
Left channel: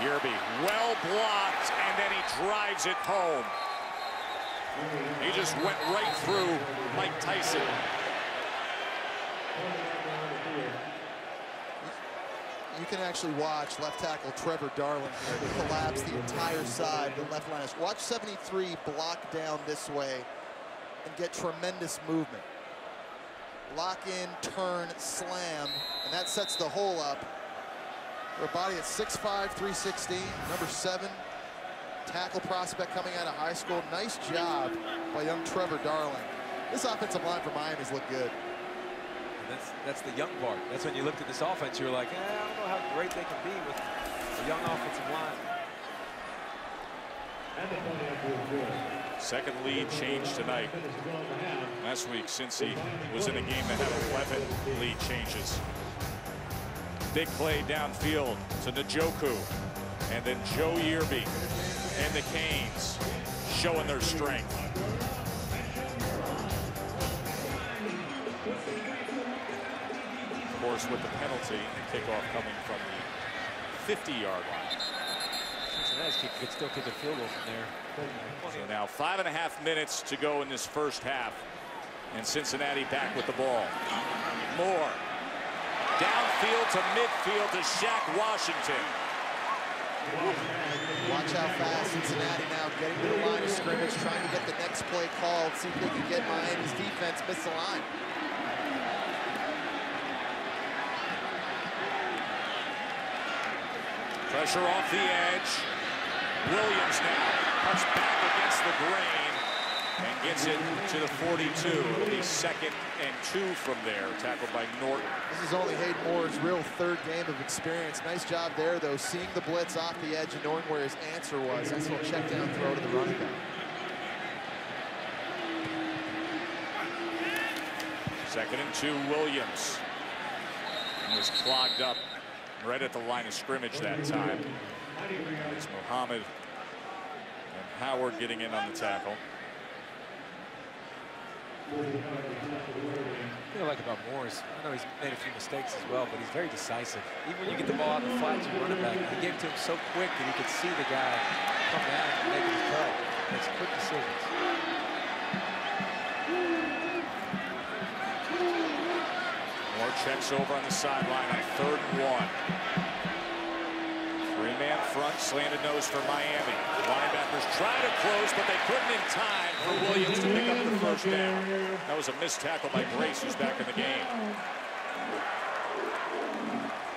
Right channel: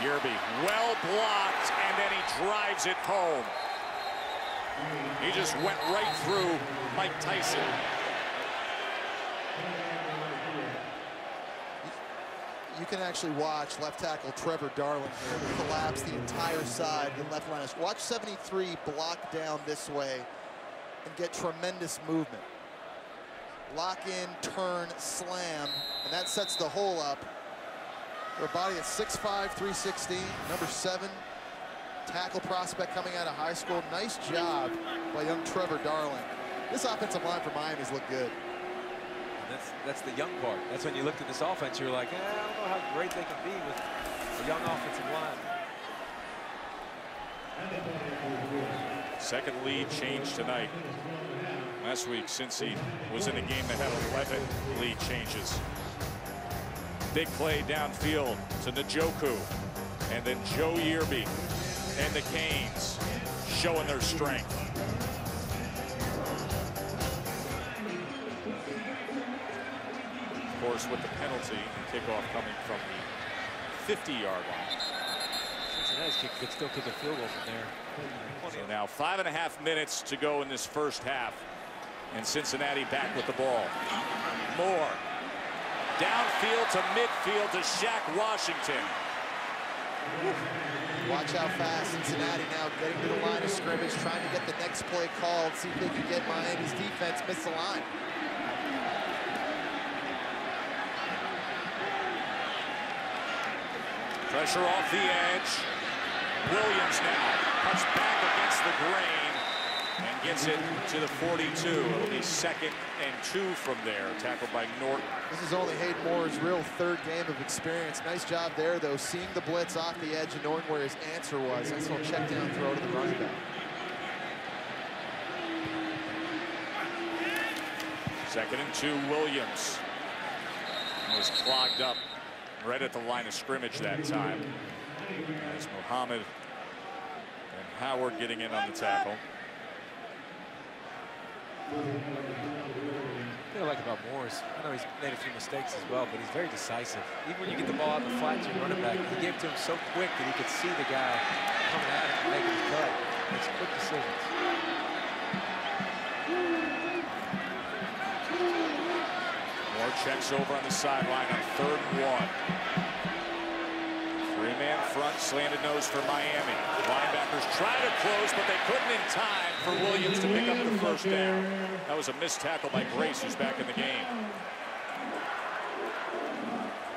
Yerby well blocked, and then he drives it home. He just went right through Mike Tyson. You can actually watch left tackle Trevor Darling here collapse the entire side, the left line. Watch 73 block down this way and get tremendous movement. Lock in, turn, slam, and that sets the hole up. For a body at 6'5", 316, number 7, tackle prospect coming out of high school. Nice job by young Trevor Darling. This offensive line for Miami's looked good. And that's the young part. That's when you looked at this offense, you're like, I don't know how great they can be with a young offensive line. Second lead change tonight. Last week, Cincy was in a game that had 11 lead changes. Big play downfield to Njoku, and then Joe Yerby and the Canes showing their strength. Of course, with the penalty, the kickoff coming from the 50-yard line. Cincinnati's kick could still kick a field goal from there. So now 5.5 minutes to go in this first half, and Cincinnati back with the ball. Moore downfield to midfield to Shaq Washington. Watch how fast Cincinnati now getting to the line of scrimmage, trying to get the next play called, see if they can get Miami's defense miss the line. Pressure off the edge. Williams now cuts back against the grain and gets it to the 42. It'll be 2nd and 2 from there, tackled by Norton. This is only Hayden Moore's real 3rd game of experience. Nice job there, though, seeing the blitz off the edge and knowing where his answer was. Nice little check down throw to the running back. 2nd and 2, Williams was clogged up right at the line of scrimmage that time. As Muhammad and Howard getting in on the tackle. The thing I like about Moore is, I know he's made a few mistakes as well, but he's very decisive. Even when you get the ball out in the flat to your running back, he gave it to him so quick that he could see the guy coming at him and making his cut. Makes quick decisions. Moore checks over on the sideline on 3rd and 1. 3-man front, slanted nose for Miami. Linebackers try to close, but they couldn't in time for Williams to pick up the 1st down. That was a missed tackle by Grace, who's back in the game.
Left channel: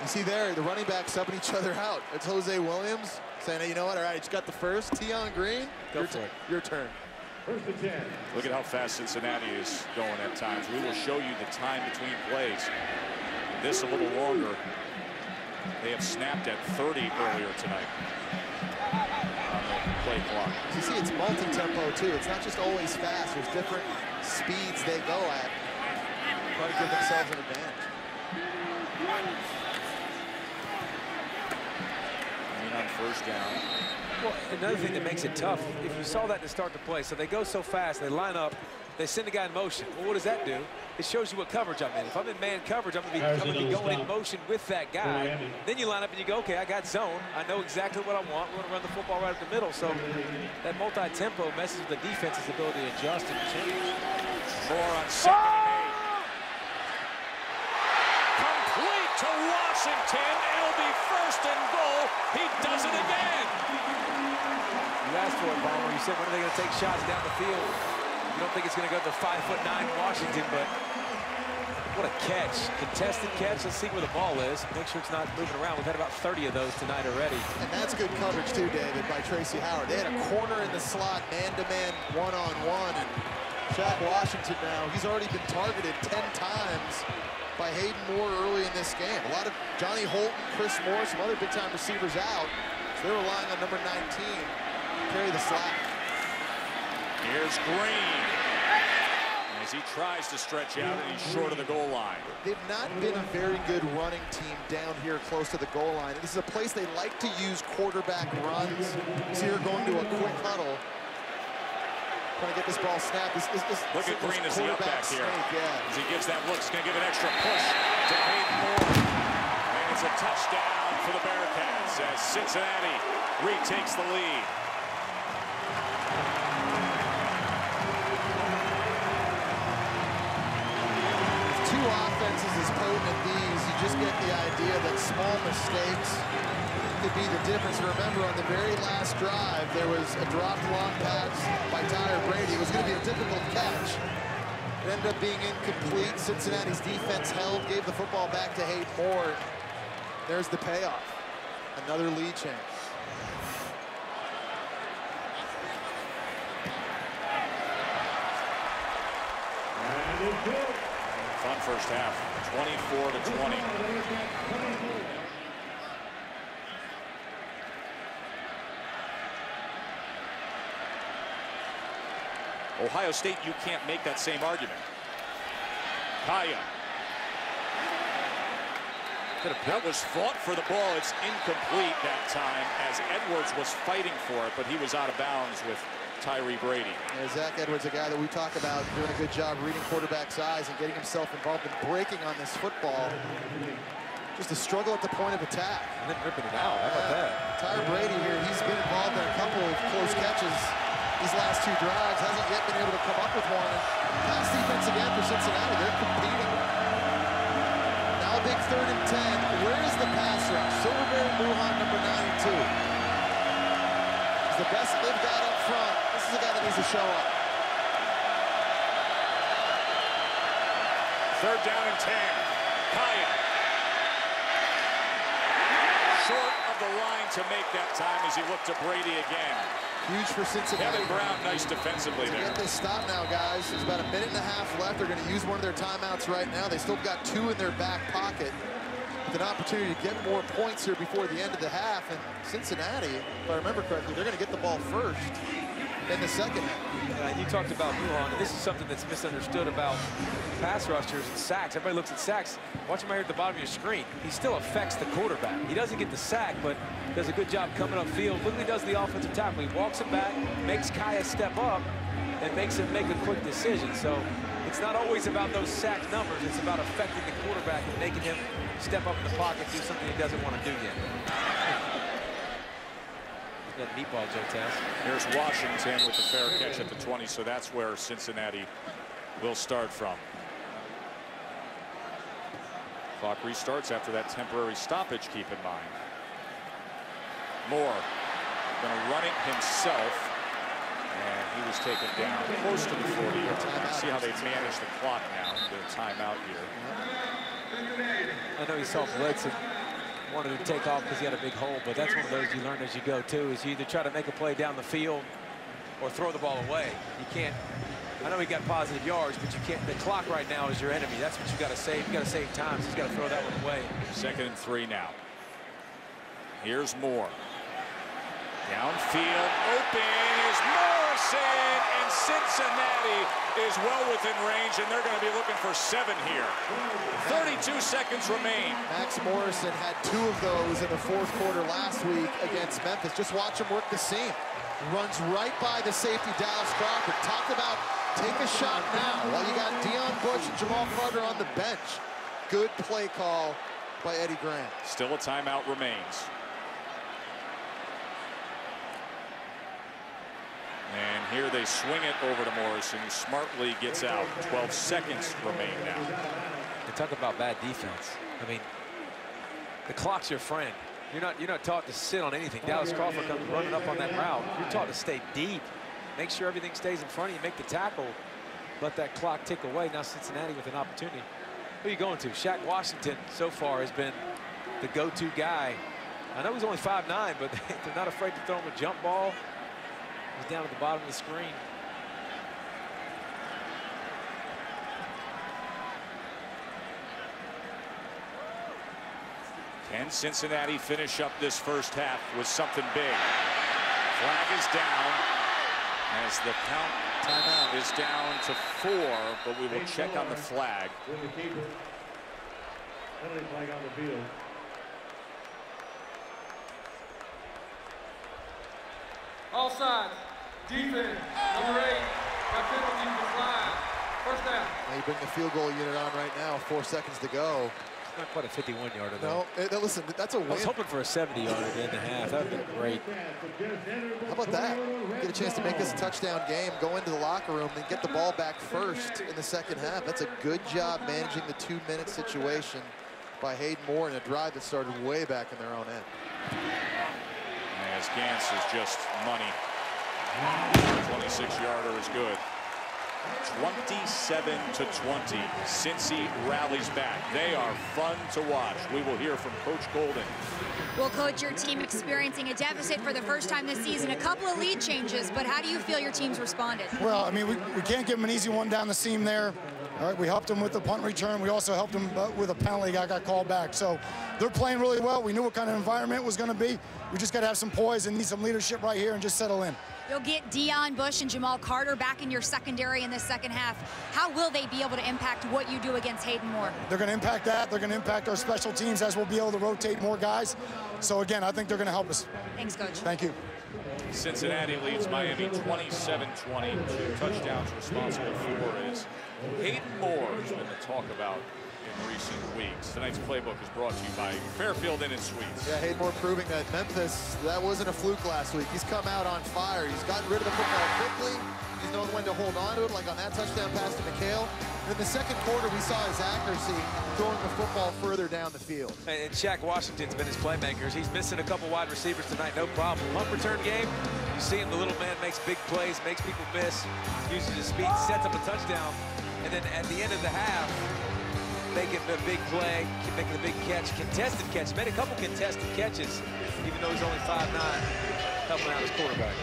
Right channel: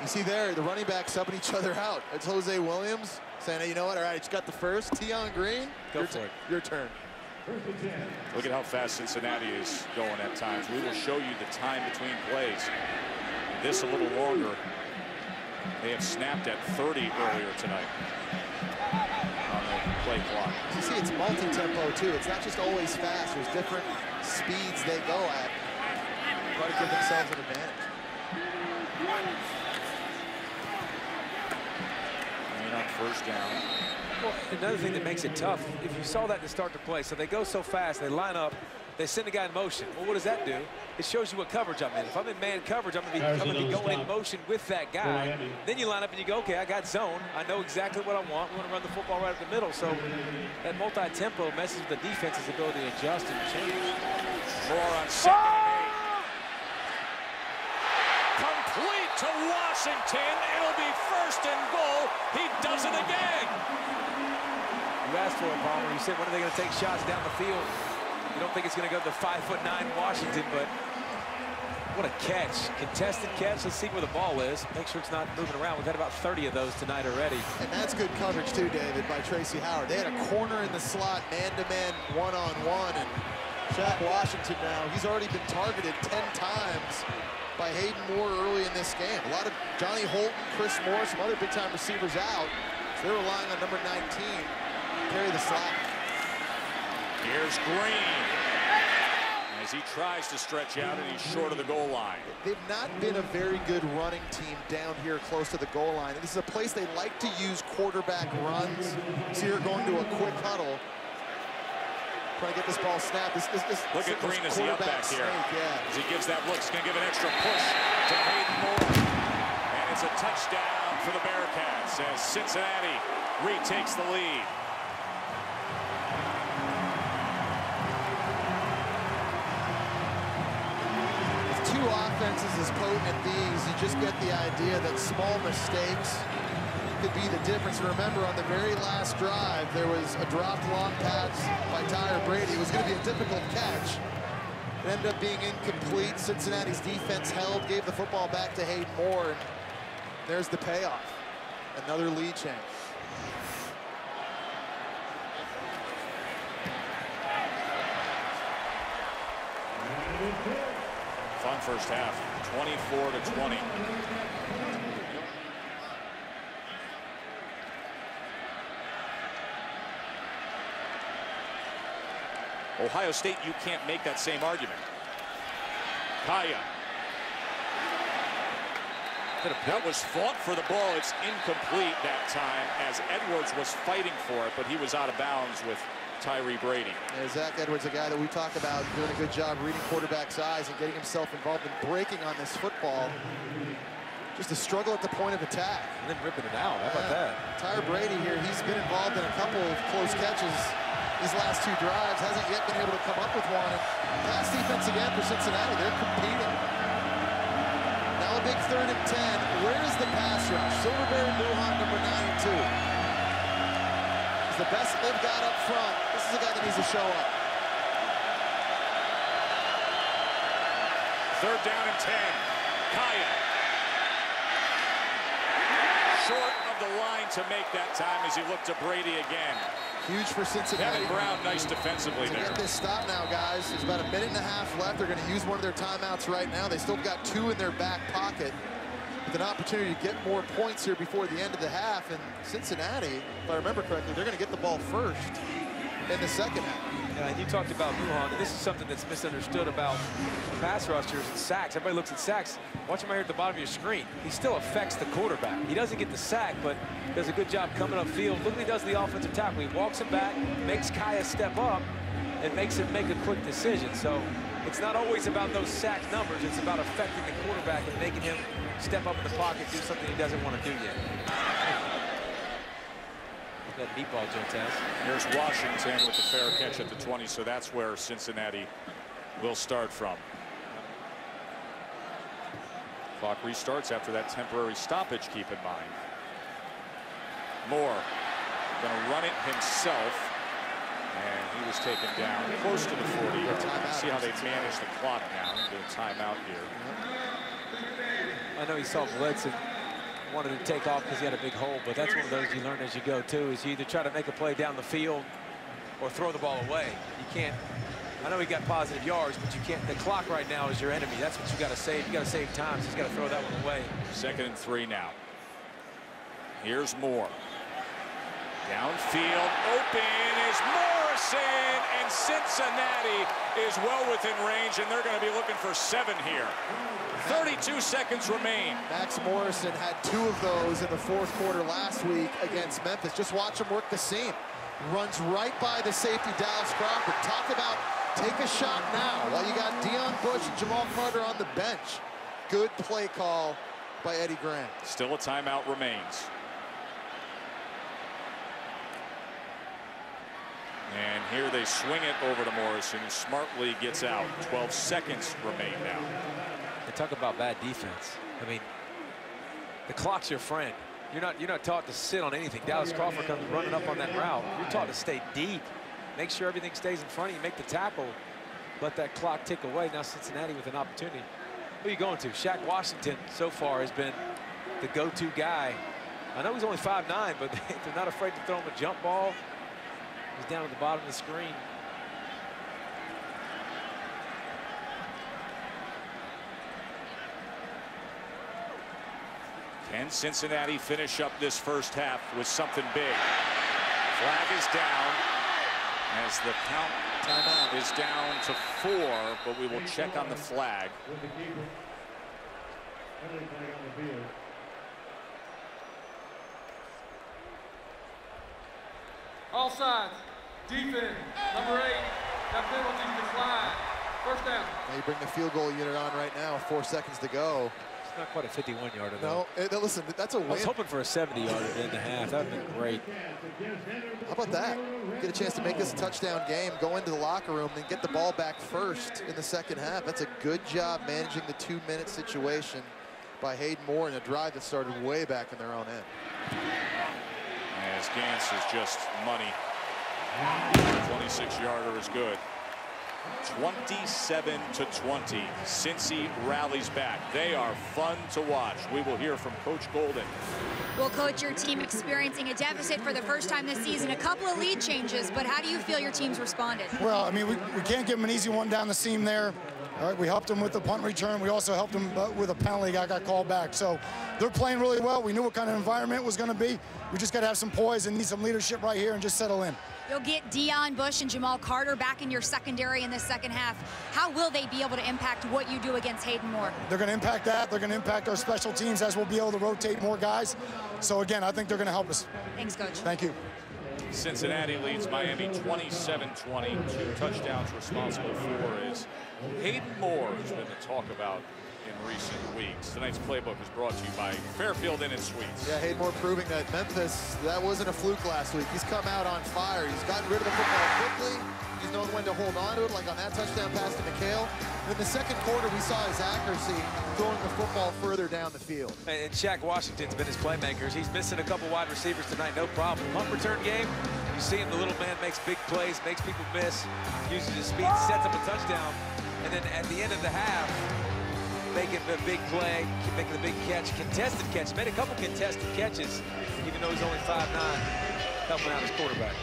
You see there, the running backs subbing each other out. It's Jose Williams saying, hey, you know what? All right, you got the 1st. Tion Green, go for it. Your turn. Look at how fast Cincinnati is going at times. We will show you the time between plays. This a little longer. They have snapped at 30 earlier tonight on the play clock. As you see, it's multi-tempo, too. It's not just always fast. There's different speeds they go at. Try to give themselves an advantage. On 1st down. Well, another thing that makes it tough, if you saw that to start the play, so they go so fast, they line up, they send the guy in motion. Well, what does that do? It shows you what coverage I'm in. If I'm in man coverage, I'm gonna be going in motion with that guy. Then you line up and you go, okay, I got zone. I know exactly what I want. We want to run the football right up the middle. So that multi-tempo messes with the defense's ability to adjust and change. Moore on 2nd and 8. Complete to Washington. It'll be 1st and goal. He does it again. You asked for it, Palmer. You said, when are they going to take shots down the field? You don't think it's going to go to 5'9" Washington, but What a catch. Contested catch. Let's see where the ball is. Make sure it's not moving around. We've had about 30 of those tonight already. And that's good coverage too, David, by Tracy Howard. They had a corner in the slot, man-to-man, one-on-one, and Shaq Washington now, he's already been targeted 10 times by Hayden Moore early in this game. A lot of Johnny Holton, Chris Moore, some other big-time receivers out, so they're relying on number 19 to carry the slack. Here's Green as he tries to stretch out, and he's short of the goal line. They've not been a very good running team down here close to the goal line. This is a place they like to use quarterback runs. So you're going to a quick huddle, trying to get this ball snapped. Look at Green as the up back here. As he gives that look, he's going to give an extra push to Hayden Moore. And it's a touchdown for the Bearcats as Cincinnati retakes the lead. With two offenses as potent at these, you just get the idea that small mistakes could be the difference. And remember, on the very last drive, there was a dropped long pass by Tyler Brady. It was going to be a difficult catch. It ended up being incomplete. Cincinnati's defense held, gave the football back to Hayden Moore, and there's the payoff. Another lead change. Fun first half, 24-20. Ohio State, you can't make that same argument. Kaaya. That was fought for the ball. It's incomplete that time as Edwards was fighting for it, but he was out of bounds with Tyree Brady. Yeah, Zach Edwards, a guy that we talk about doing a good job reading quarterback's eyes and getting himself involved in breaking on this football. Just a struggle at the point of attack. And then ripping it out. How about that? Tyler Brady here, he's been involved in a couple of close catches these last two drives, hasn't yet been able to come up with one. And pass defense again for Cincinnati. They're competing. Now a big 3rd and 10. Where is the pass rush? Silverberry Muhan, number 92. He's the best that they've got up front. This is a guy that needs to show up. 3rd down and 10. Kaaya. Short of the line to make that time as he looked to Brady again. Huge for Cincinnati. Kevin Brown, nice defensively there. To get this stop now, guys. There's about a minute and a half left. They're going to use one of their timeouts right now. They still got 2 in their back pocket with an opportunity to get more points here before the end of the half. And Cincinnati, if I remember correctly, they're going to get the ball first in the second half. Yeah, and you talked about Muhan, and this is something that's misunderstood about pass rushers and sacks. Everybody looks at sacks. Watch him right here at the bottom of your screen. He still affects the quarterback. He doesn't get the sack, but does a good job coming upfield. Look what he does the offensive tackle. He walks him back, makes Kaaya step up, and makes him make a quick decision. So it's not always about those sack numbers. It's about affecting the quarterback and making him step up in the pocket, do something he doesn't want to do yet. That meatball, Joe Tess. Here's Washington with the fair catch at the 20, so that's where Cincinnati will start from. Clock restarts after that temporary stoppage, keep in mind. Moore going to run it himself, and he was taken down close to the 40-yard line. See how they manage the clock now. Get a timeout here. I know he saw blitz and wanted to take off because he had a big hole, but that's one of those you learn as you go too, is you either try to make a play down the field or throw the ball away. You can't, I know he got positive yards, but you can't, the clock right now is your enemy. That's what you got to save. You got to save time, so he's got to throw that one away. 2nd and 3 now. Here's Moore. Downfield, open is Morrison, and Cincinnati is well within range, and they're going to be looking for 7 here. 32 seconds remain. Max Morrison had 2 of those in the 4th quarter last week against Memphis. Just watch him work the seam. Runs right by the safety, Dallas Crawford. Talk about take a shot now while you got Deion Bush and Jamal Carter on the bench. Good play call by Eddie Grant. Still a timeout remains. And here they swing it over to Morrison, who smartly gets out. 12 seconds remain now. They talk about bad defense. I mean, the clock's your friend. You're not taught to sit on anything. Dallas Crawford comes running up on that route. You're taught to stay deep. Make sure everything stays in front of you. Make the tackle. Let that clock tick away. Now Cincinnati with an opportunity. Who are you going to? Shaq Washington so far has been the go-to guy. I know he's only 5'9", but they're not afraid to throw him a jump ball. He's down at the bottom of the screen. Can Cincinnati finish up this first half with something big? Flag is down as the count Timeout is down to 4, but we will check on the flag. Offsides. Defense. Number 8. Got penalties decline. First down. Now you bring the field goal unit on right now. 4 seconds to go. It's not quite a 51-yarder, though. No, listen, that's a win. I was hoping for a 70-yarder to end the half. That would have been great. How about that? Get a chance to make this a touchdown game, go into the locker room, then get the ball back first in the second half. That's a good job managing the 2-minute situation by Hayden Moore in a drive that started way back in their own end. As Gantz is just money. 26-yarder is good. 27-20. Cincy rallies back. They are fun to watch. We will hear from Coach Golden. Well, Coach, your team experiencing a deficit for the first time this season. A couple of lead changes, but how do you feel your team's responded? Well, I mean, we can't give them an easy one down the seam there. All right, we helped them with the punt return. We also helped them with a penalty that got called back. So they're playing really well. We knew what kind of environment it was going to be. We just got to have some poise and need some leadership right here and just settle in. You'll get Deion Bush and Jamal Carter back in your secondary in the second half. How will they be able to impact what you do against Hayden Moore? They're going to impact that. They're going to impact our special teams as we'll be able to rotate more guys. So, again, I think they're going to help us. Thanks, Coach. Thank you. Cincinnati leads Miami 27-20. 2 touchdowns responsible for is Hayden Moore, who's been the talk about in recent weeks. Tonight's playbook is brought to you by Fairfield Inn and Suites. Yeah, Hayden Moore proving that Memphis, that wasn't a fluke last week. He's come out on fire. He's gotten rid of the football quickly. He's known when to hold on to it, like on that touchdown pass to McHale. In the second quarter, we saw his accuracy throwing the football further down the field. And Shaq Washington's been his playmakers. He's missing a couple wide receivers tonight, no problem. Punt return game, you see him, the little man makes big plays, makes people miss, uses his speed, sets up a touchdown, and then at the end of the half, making a big play, making the big catch, contested catch. Made a couple contested catches, even though he's only 5'9", helping out his quarterback.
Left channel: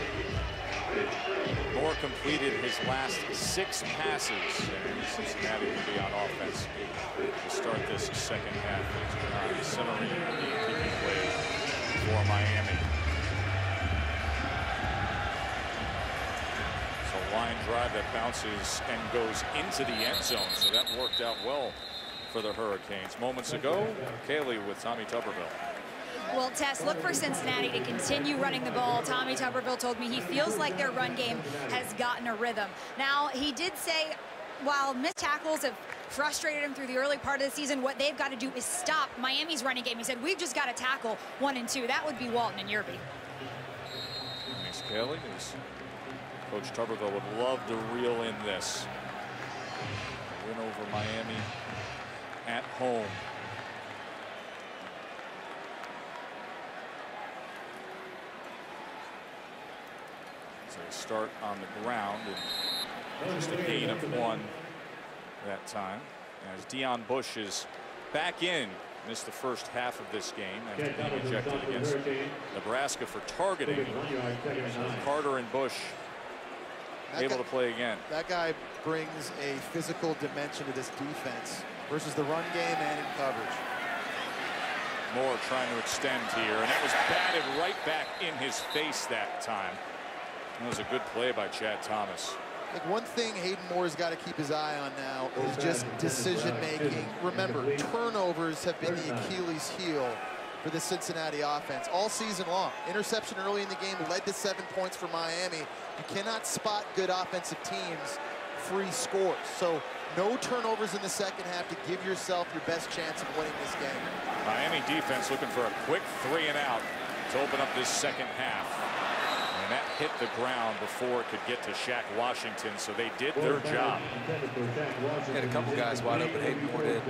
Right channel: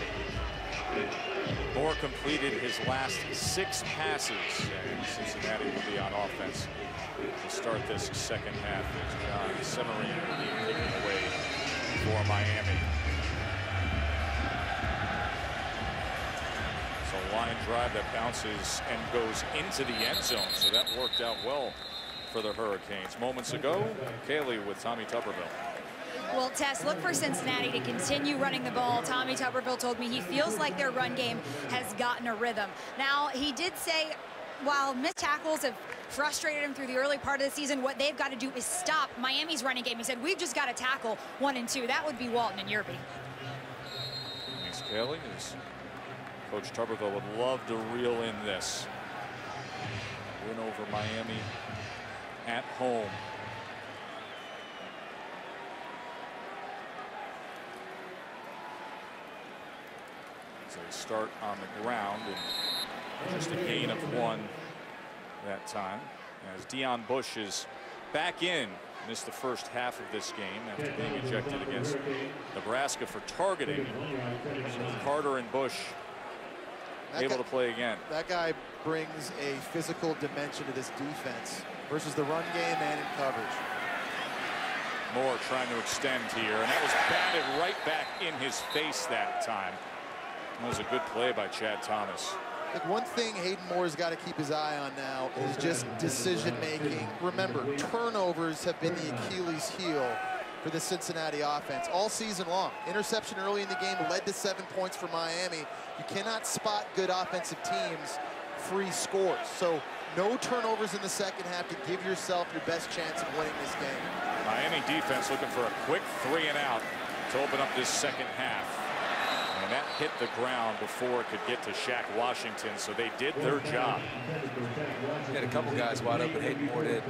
Moore completed his last 6 passes, and Cincinnati will be on offense to start this second half as John Semerine will be kicking away for Miami. It's a line drive that bounces and goes into the end zone, so that worked out well for the Hurricanes. Moments ago, Kaylee with Tommy Tuberville. Well, Tess, look for Cincinnati to continue running the ball. Tommy Tuberville told me he feels like their run game has gotten a rhythm. Now, he did say while missed tackles have frustrated him through the early part of the season, what they've got to do is stop Miami's running game. He said, we've just got to tackle 1 and 2. That would be Walton and Yerby. Thanks, Kaylee. As Coach Tuberville would love to reel in this. A win over Miami at home. As they start on the ground, and just a gain of 1 that time. As Deion Bush is back in, missed the first half of this game after being ejected against Nebraska for targeting. So Carter and Bush able to play again. That guy brings a physical dimension to this defense versus the run game and in coverage. Moore trying to extend here, and that was batted right back in his face that time. That was a good play by Chad Thomas. Like, one thing Hayden Moore's got to keep his eye on now is just decision making. Remember, turnovers have been the Achilles heel for the Cincinnati offense all season long. Interception early in the game led to 7 points for Miami. You cannot spot good offensive teams free scores. So no turnovers in the second half to give yourself your best chance of winning this game. Miami defense looking for a quick 3 and out to open up this second half. And that hit the ground before it could get to Shaq Washington, so they did their job. Had a couple guys wide open, Hayden Moore did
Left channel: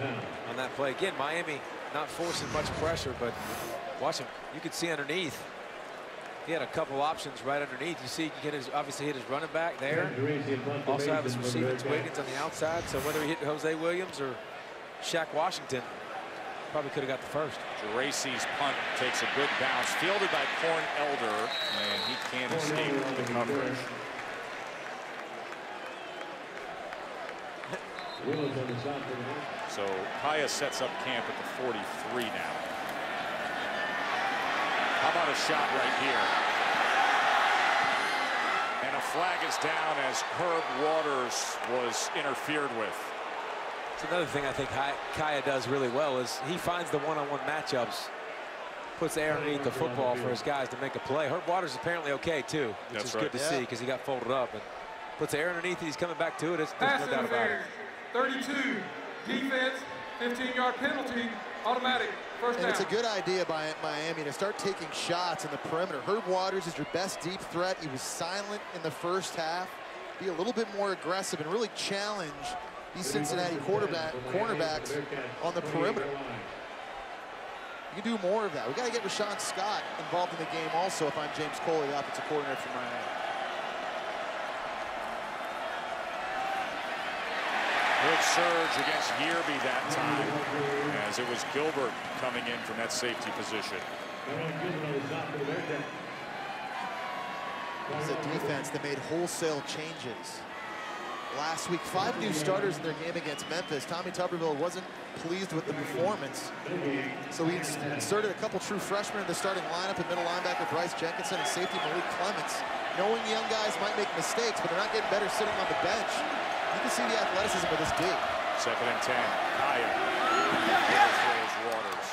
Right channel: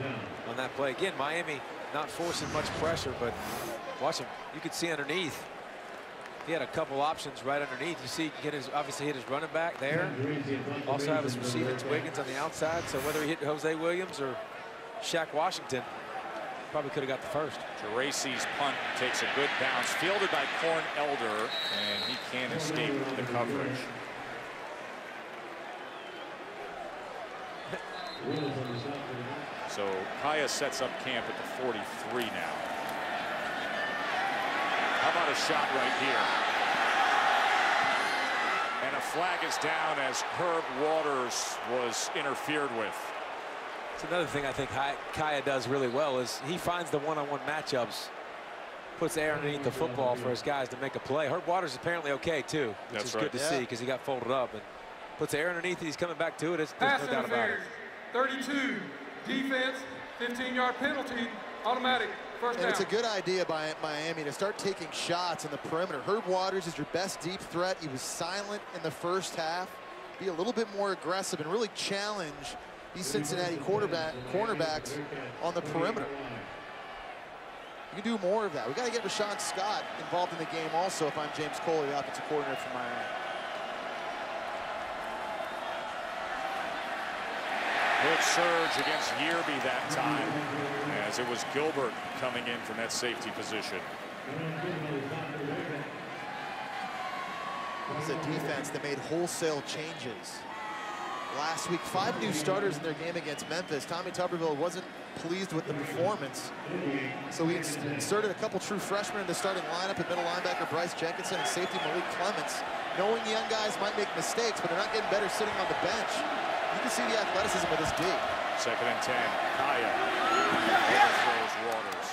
on that play. Again, Miami not forcing much pressure, but watch him. You could see underneath. He had a couple options right underneath. You see, he obviously hit his running back there. Also have his receiving to Wiggins on the outside. So whether he hit Jose Williams or Shaq Washington probably could have got the first. Geraci's punt takes a good bounce, fielded by Corn Elder, and he can't escape the coverage. So Kaaya sets up camp at the 43 now. How about a shot right here? And a flag is down as Herb Waters was interfered with. It's another thing I think Kaaya does really well is he finds the one-on-one matchups, puts air underneath the football for his guys to make a play. Herb Waters is apparently okay too, which is good to see because he got folded up and puts air underneath it. He's coming back to it. There's no doubt about it. 32 defense, 15-yard penalty, automatic. First down. And it's a good idea by Miami to start taking shots in the perimeter. Herb Waters is your best deep threat. He was silent in the first half. Be a little bit more aggressive and really challenge these Cincinnati cornerbacks on the perimeter. You can do more of that. We got to get Rashawn Scott involved in the game also if I'm James Coley, the offensive coordinator for Miami. Good surge against Yearby that time, as it was Gilbert coming in from that safety position. It's a defense that made wholesale changes. Last week, 5 new starters in their game against Memphis. Tommy Tuberville wasn't pleased with the performance, so he inserted a couple true freshmen in the starting lineup at middle linebacker Bryce Jenkinson and safety Malik Clements, knowing young guys might make mistakes, but they're not getting better sitting on the bench. You can see the athleticism of this D. 2nd and 10. Kaaya overthrows Waters.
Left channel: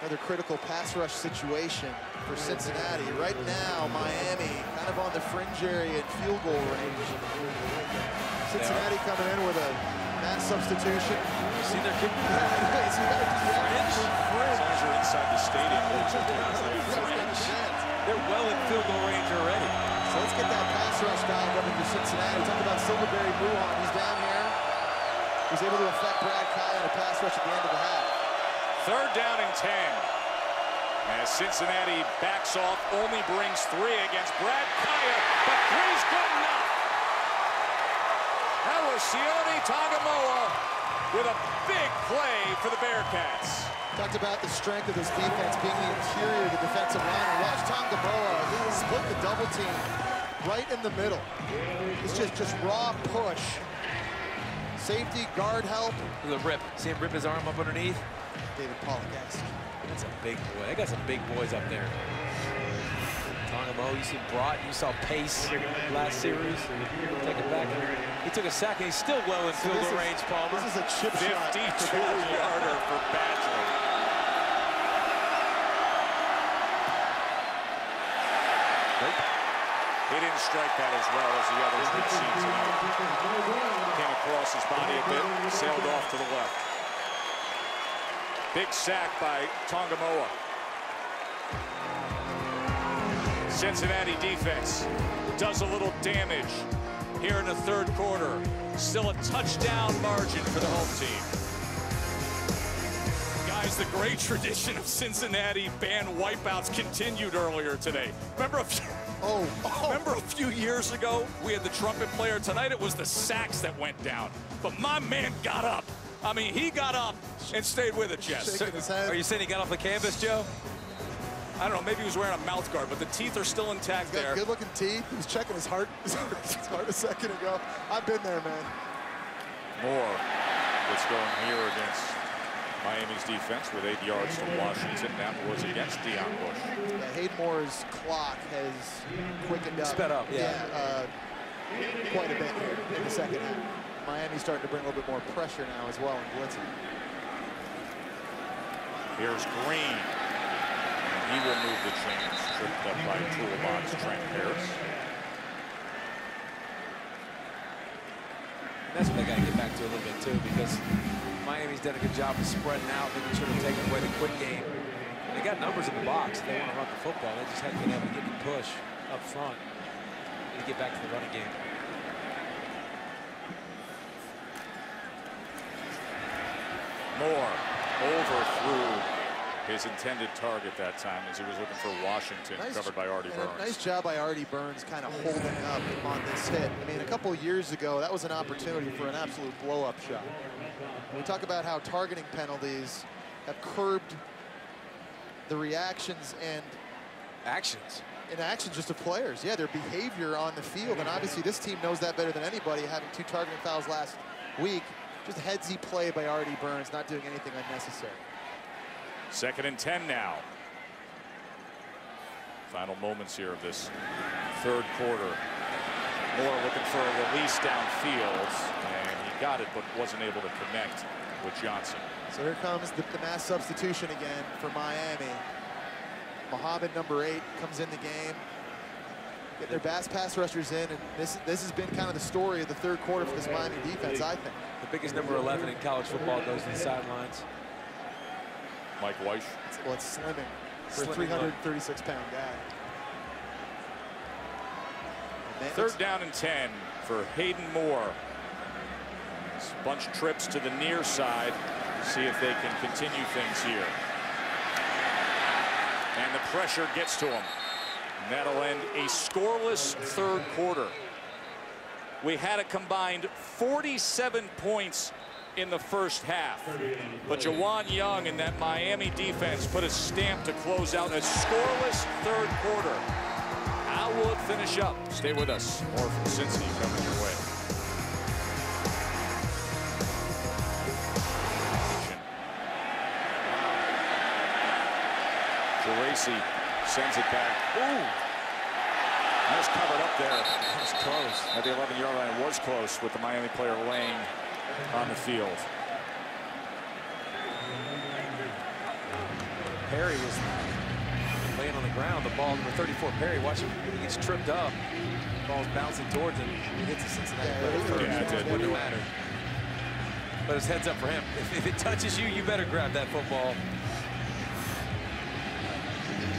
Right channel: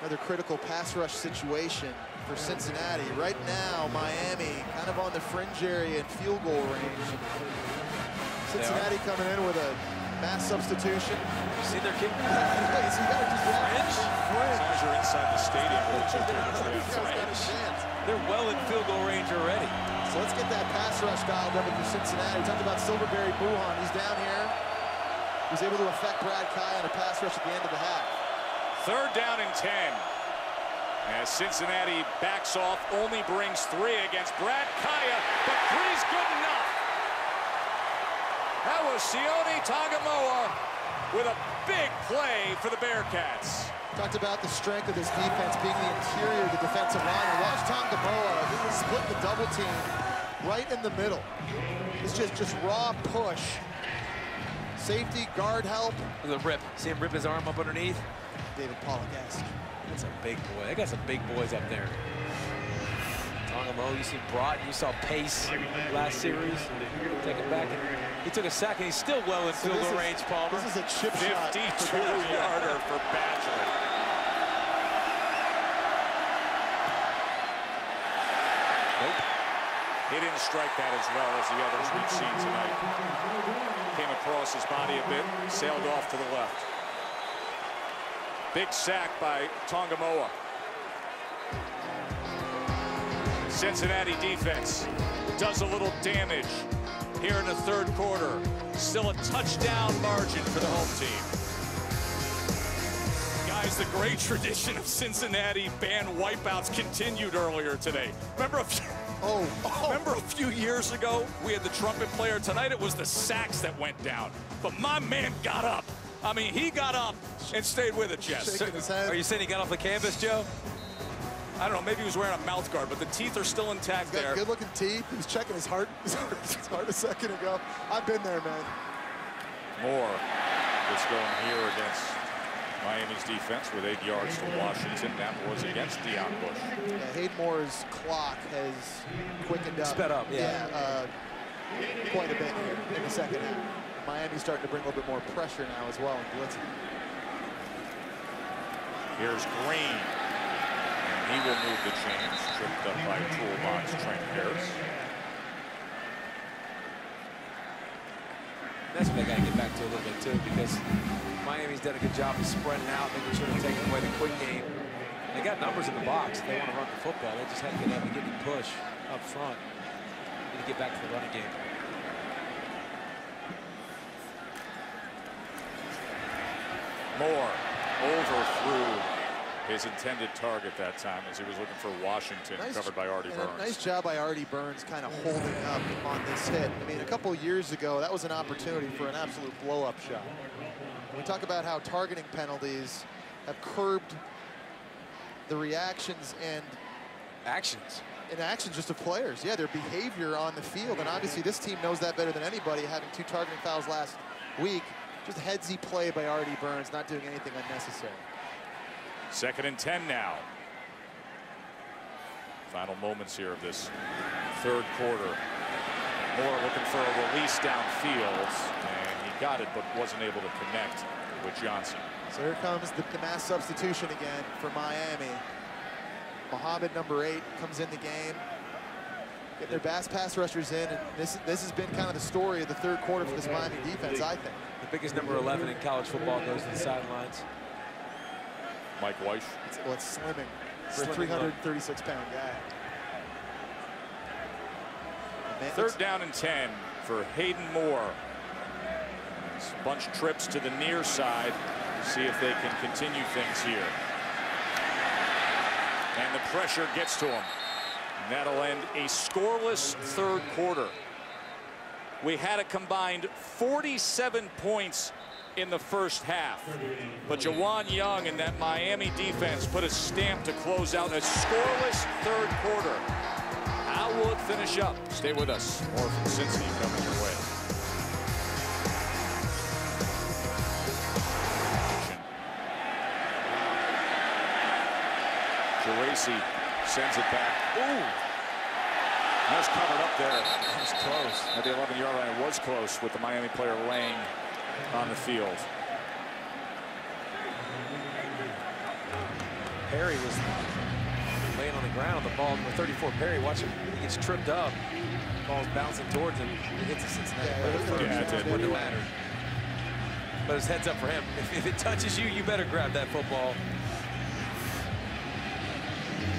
Another critical pass rush situation for Cincinnati. Right now, Miami kind of on the fringe area in field goal range. Cincinnati coming in with a mass substitution. Have you seen their kicker? Anyway, so you got to do fringe? As long as you're inside the stadium, they're well in field goal range already. So let's get that pass rush dialed up for Cincinnati. We talked about Silverberry Muhan. He's down here. He was able to affect Brad Kaaya on a pass rush at the end of the half. 3rd down and 10. As Cincinnati backs off, only brings 3 against Brad Kaaya, but 3's good enough. That was Sione Tongamoa with a big play for the Bearcats. Talked about the strength of this defense being the interior of the defensive line. And watch Tongamoa split the double team right in the middle. It's just raw push. Safety, guard help. Look at the rip. See him rip his arm up underneath? David Pollock-esque. That's a big boy. They got some big boys up there. Tongamoa, you see Broughton, you saw Pace last series. Take it back. And he took a sack, and he's still well in field goal range, Palmer. This is a chip shot. 52-yarder for Badgley. Nope. He didn't strike that as well as the others we've seen tonight. Came across his body a bit, sailed off to the left. Big sack by Tongamoa. Cincinnati defense does a little damage here in the 3rd quarter. Still a touchdown margin for the home team. Guys, the great tradition of Cincinnati band wipeouts continued earlier today. Remember a few years ago, we had the trumpet player. Tonight it was the sax that went down. But my man got up. I mean, he got up and stayed with it, Jess. Are you saying he got off the canvas, Joe? I don't know, maybe he was wearing a mouth guard, but the teeth are still intact there. He's got good-looking teeth. He was checking his heart a second ago. I've been there, man. Moore gets going here against Miami's defense with 8 yards to Washington. That was against Deion Bush. Yeah, Hayden Moore's clock has quickened up. Sped up, yeah. Quite a bit here in the 2nd half. Miami's starting to bring a little bit more pressure now as well in blitzing. Here's Green. And he will move the chains, tripped up by toolbox Trent Harris. And that's what they got to get back to a little bit too, because Miami's done a good job of spreading out, making sure they're taking away the quick game. They got numbers in the box. They want to run the football. They just haven't been able to get any push up front. Need to get back to the running game. Moore overthrew His intended target that time as he was looking for Washington, covered by Artie Burns. Nice job by Artie Burns kind of holding up on this hit. I mean, a couple of years ago, that was an opportunity for an absolute blow-up shot. When we talk about how targeting penalties have curbed the reactions and actions just of players. Yeah, their behavior on the field, and obviously this team knows that better than anybody, having 2 targeting fouls last week. Just a headsy play by Artie Burns, not doing anything unnecessary. 2nd and 10 now. Final moments here of this 3rd quarter. Moore looking for a release downfield, and he got it, but wasn't able to connect with Johnson. So here comes the mass substitution again for Miami. Muhammad, number 8, comes in the game. Getting their best pass rushers in, and this has been kind of the story of the 3rd quarter for this Miami defense, I think. The biggest number 11 in college football goes to the sidelines. Mike Weiss. It's slimming for a 336-pound guy. 3rd down and 10 for Hayden Moore. Bunch trips to the near side. See if they can continue things here. And the pressure gets to him. And that'll end a scoreless 3rd quarter. We had a combined 47 points in the first half. But Jawan Young and that Miami defense put a stamp to close out a scoreless 3rd quarter. How will it finish up? Stay with us. More from Cincy coming your way. Wow. Geraci sends it back. Ooh. That was covered up there. That was close. At the 11-yard line, it was close with the Miami player laying on the field. Perry was laying on the ground. The ball, number 34, Perry, watch him. He gets tripped up. Ball's bouncing towards him. It hits the Cincinnati player first. It wouldn't have mattered. But his head's up for him. If it touches you, you better grab that football.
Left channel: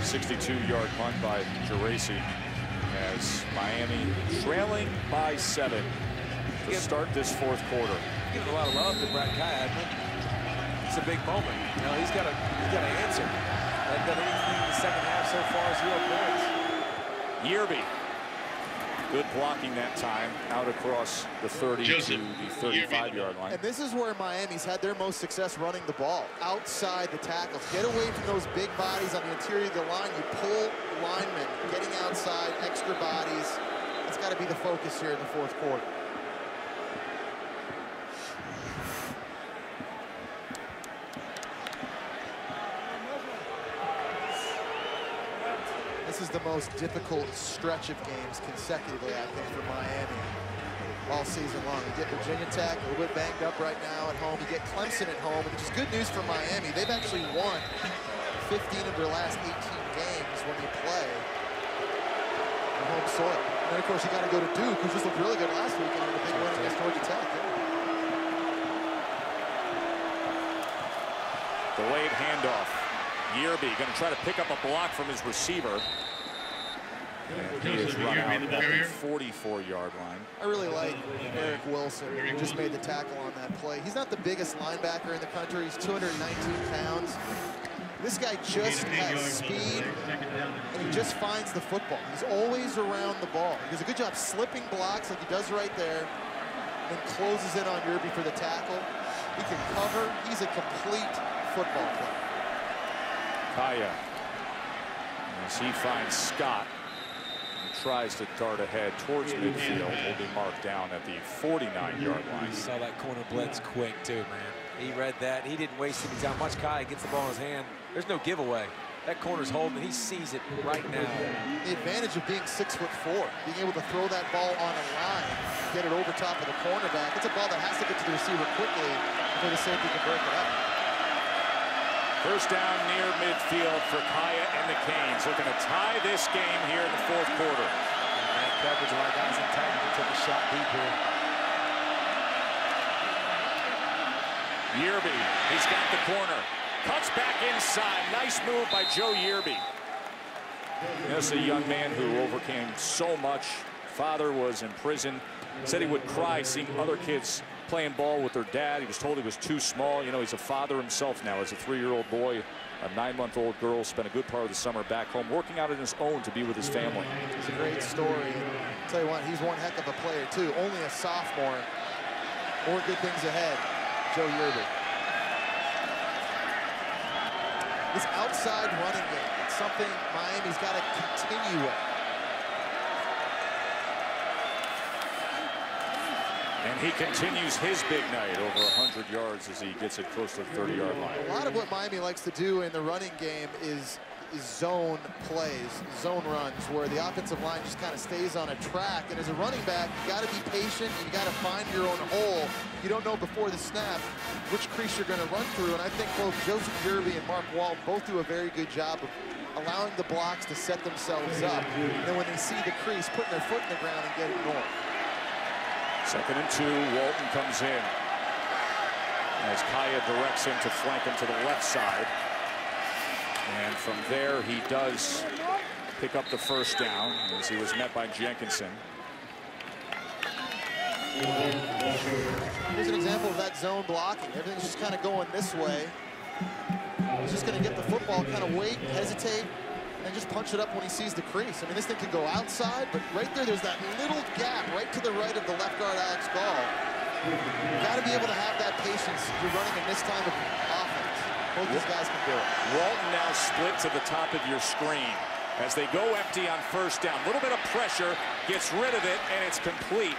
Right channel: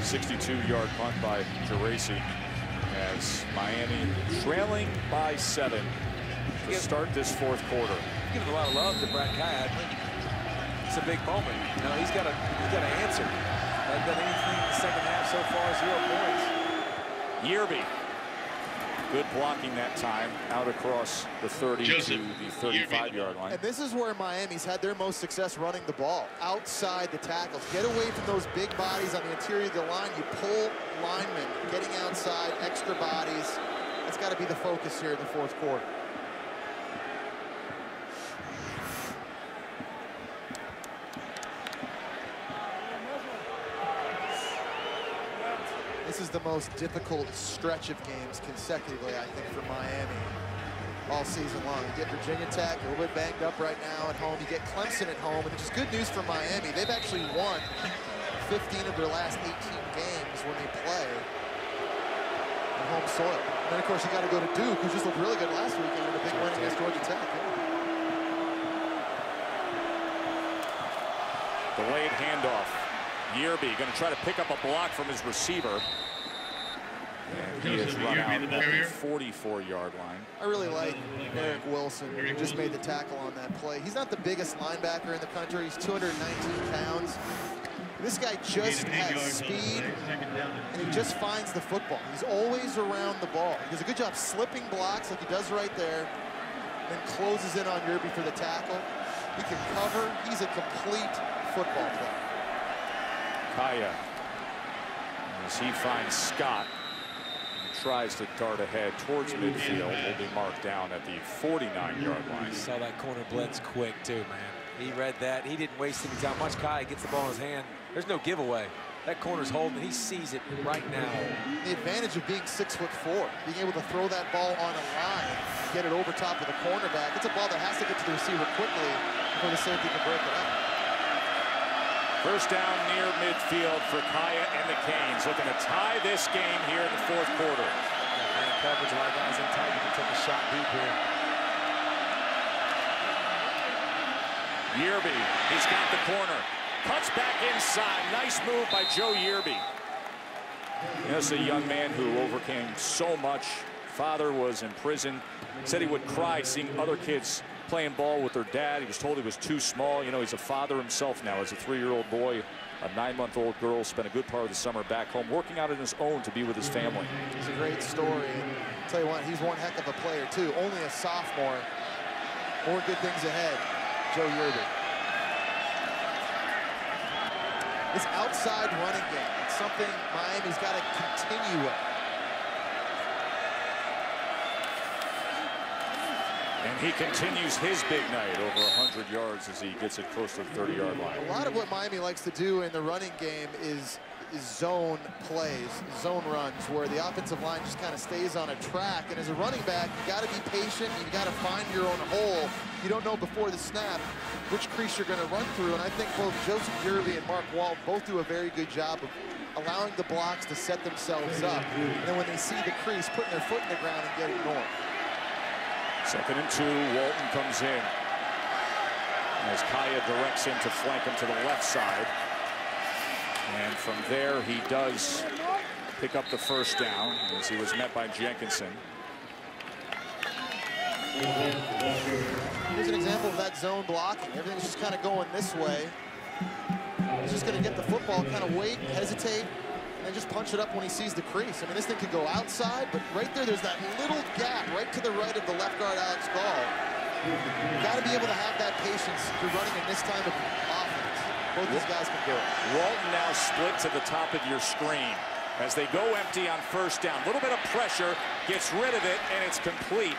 62-yard punt by Geraci as Miami trailing by 7 to start this 4th quarter. Giving a lot of love to Brad Kaaya. It's a big moment. You know, he's got to answer. Hasn't done anything in the 2nd half so far. 0 points. Yerby, good blocking that time, out across the 30 to the 35-yard line. And this is where Miami's had their most success running the ball, outside the tackles. Get away from those big bodies on the interior of the line. You pull linemen, getting outside, extra bodies. That's got to be the focus here in the 4th quarter. This is the most difficult stretch of games consecutively, I think, for Miami all season long. You get Virginia Tech, a little bit banged up right now at home. You get Clemson at home, and which is good news for Miami. They've actually won 15 of their last 18 games when they play on home soil. And then, of course, you got to go to Duke, who just looked really good last weekend in a big win against Georgia Tech. Yeah. Delayed handoff. Yerby going to try to pick up a block from his receiver. And he is run out at the 44-yard line. I really like Eric Wilson, who just made the tackle on that play. He's not the biggest linebacker in the country. He's 219 pounds. This guy just has speed, and he just finds the football. He's always around the ball. He does a good job slipping blocks like he does right there, then closes in on Yerby for the tackle. He can cover. He's a complete football player. Kaaya, as he finds Scott, he tries to dart ahead towards midfield, will be marked down at the 49-yard line. Saw that corner blitz quick too, man. He read that. He didn't waste any time. Watch Kaaya gets the ball in his hand. There's no giveaway. That corner's holding. He sees it right now. The advantage of being 6'4", being able to throw that ball on a line, get it over top of the cornerback. It's a ball that has to get to the receiver quickly before the safety can break it up. First down near midfield for Kaaya and the Canes, looking to tie this game here in the 4th quarter. Yeah, man coverage, a lot of guys in tight. You can take a shot deep here. Yerby, he's got the corner. Cuts back inside. Nice move by Joe Yerby. This is a young man who overcame so much. Father was in prison. Said he would cry seeing other kids playing ball with their dad. He was told he was too small. You know, he's a father himself now as a 3-year-old boy a 9-month-old girl, spent a good part of the summer back home working out on his own to be with his family. It's a great story, and I'll tell you what, he's one heck of a player too. Only a sophomore. More good things ahead. Joe Yerby. This outside running game, it's something Miami's got to continue with. And he continues his big night, over 100 yards as he gets it close to the 30-yard line. A lot of what Miami likes to do in the running game is zone plays, zone runs, where the offensive line just kind of stays on a track. And as a running back, you got to be patient. You got to find your own hole. You don't know before the snap which crease you're going to run through. And I think both Joseph Yerby and Mark Walton both do a very good job of allowing the blocks to set themselves up. And then when they see the crease, putting their foot in the ground and getting north. 2nd and 2, Walton comes in as Kaaya directs him to flank him to the left side. And from there, he does pick up the first down as he was met by Jenkinson. Here's an example of that zone blocking. Everything's just kind of going this way. He's just going to get the football, kind of wait, hesitate, and then just punch it up when he sees the crease. I mean, this thing could go outside, but right there's that little gap right to the right of the left guard, Alex Gall. You've got to be able to have that patience if you're running in this time of offense. Both these guys can do it. Walton now split to the top of your screen as they go empty on first down. A little bit of pressure, gets rid of it, and it's complete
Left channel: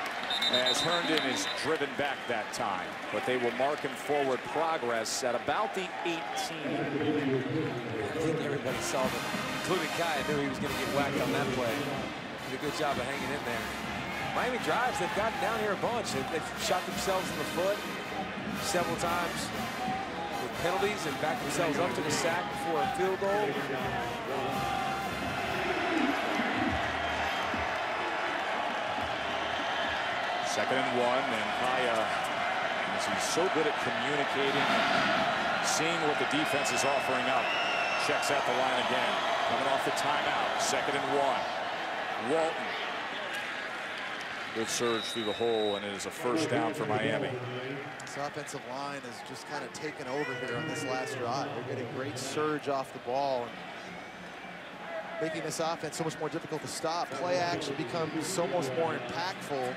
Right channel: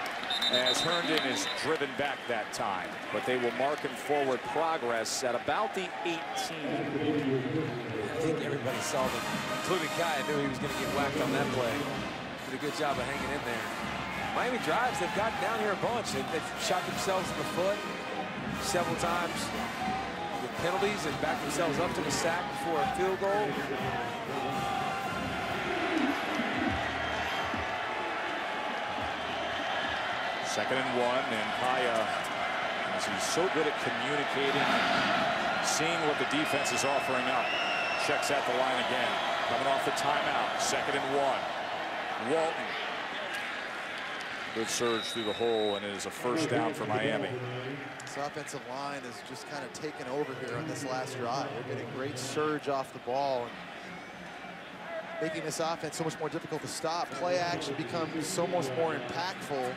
as Herndon is driven back that time. But they will mark him forward progress at about the 18. I think everybody saw them, including Kaaya, knew he was going to get whacked on that play. Did a good job of hanging in there. Miami drives, they've gotten down here a bunch. They've shot themselves in the foot several times with penalties and backed themselves up, took a sack before a field goal. Second and 1, and Kaaya, as he's so good at communicating and seeing what the defense is offering up, checks at the line again. Coming off the timeout, 2nd and 1. Walton. Good surge through the hole, and it is a first down for Miami. This offensive line is just kind of taken over here on this last drive. They're getting great surge off the ball and making this offense so much more difficult to stop. Play action becomes so much more impactful. And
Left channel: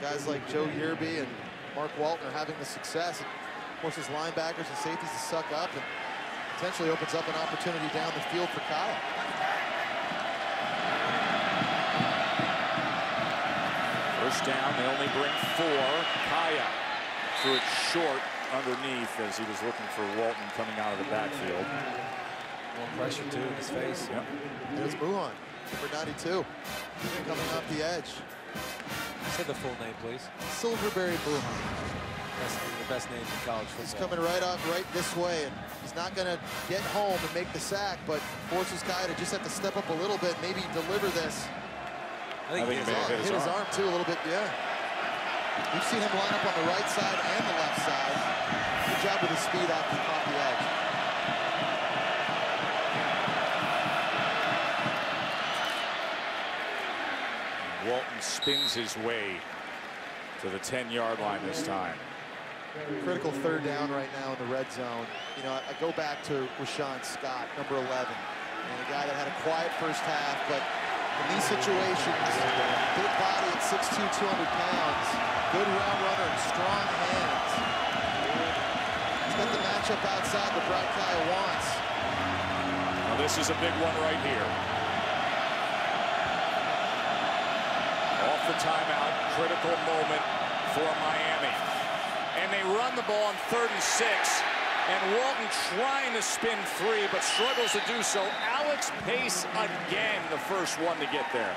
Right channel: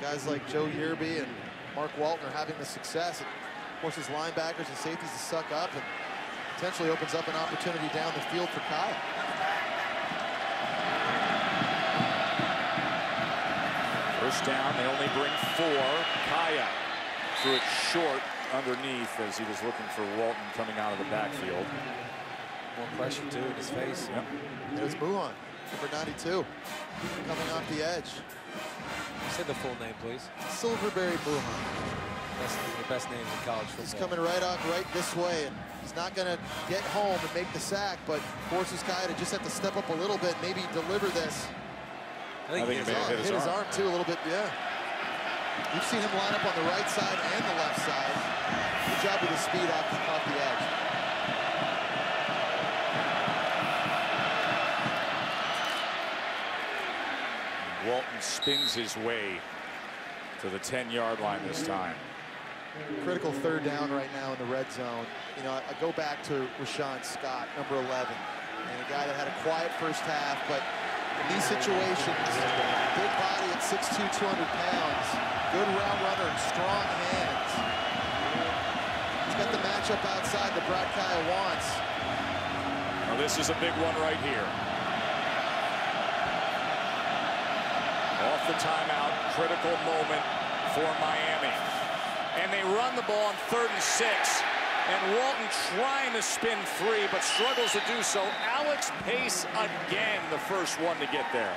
guys like Joe Yerby and Mark Walton are having the success. It forces linebackers and safeties to suck up and potentially opens up an opportunity down the field for Kaaya. First down, they only bring 4. Kaaya threw it short underneath as he was looking for Walton coming out of the backfield. More pressure, too, in his face. Yep. And it's Muhan, number 92, coming off the edge. Say the full name, please. Silverberry Muhan. That's one of the best names in college football. He's coming right this way, and he's not going to get home and make the sack, but forces Kaaya to just have to step up a little bit, maybe deliver this. I think he hit his arm too a little bit, yeah. We've seen him line up on the right side and the left side. Good job with his speed off the edge. Walton spins his way to the 10-yard line this time. Critical third down right now in the red zone. You know, I go back to Rashawn Scott, number 11, and a guy that had a quiet first half, but in these situations, big body at 6'2", 200 pounds, good route runner and strong hands. He's got the matchup outside that Brad Kaaya wants. Now this is a big one right here. Off the timeout, critical moment for Miami. And they run the ball on 3rd and 6. And Walton trying to spin 3, but struggles to do so. Alex Pace again, the first one to get there.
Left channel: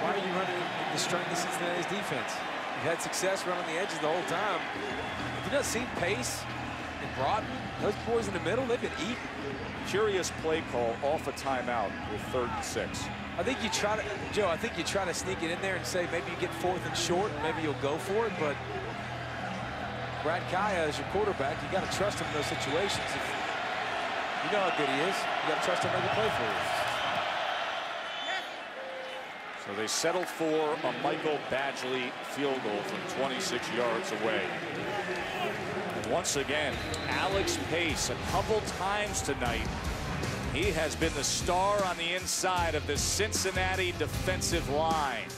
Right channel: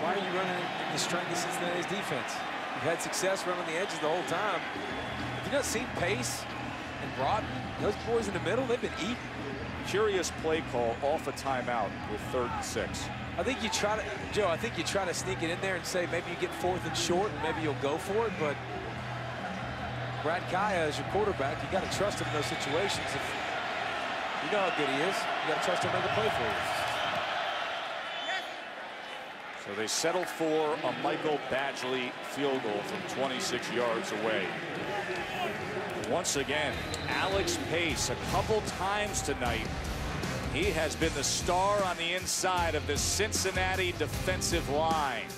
Why are you running in the strength of Cincinnati's defense? You've had success running the edges the whole time. Have you not seen Pace and Broughton? Those boys in the middle, they've been eating. Curious play call off a timeout with 3rd and 6. I think you try to, Joe, I think you try to sneak it in there and say maybe you get 4th and short, and maybe you'll go for it, but Brad Kaaya is your quarterback. You got to trust him in those situations. If you know how good he is, you got to trust him to make a play for you. So they settle for a Michael Badgley field goal from 26 yards away. Once again, Alex Pace, a couple times tonight, he has been the star on the inside of the Cincinnati defensive line.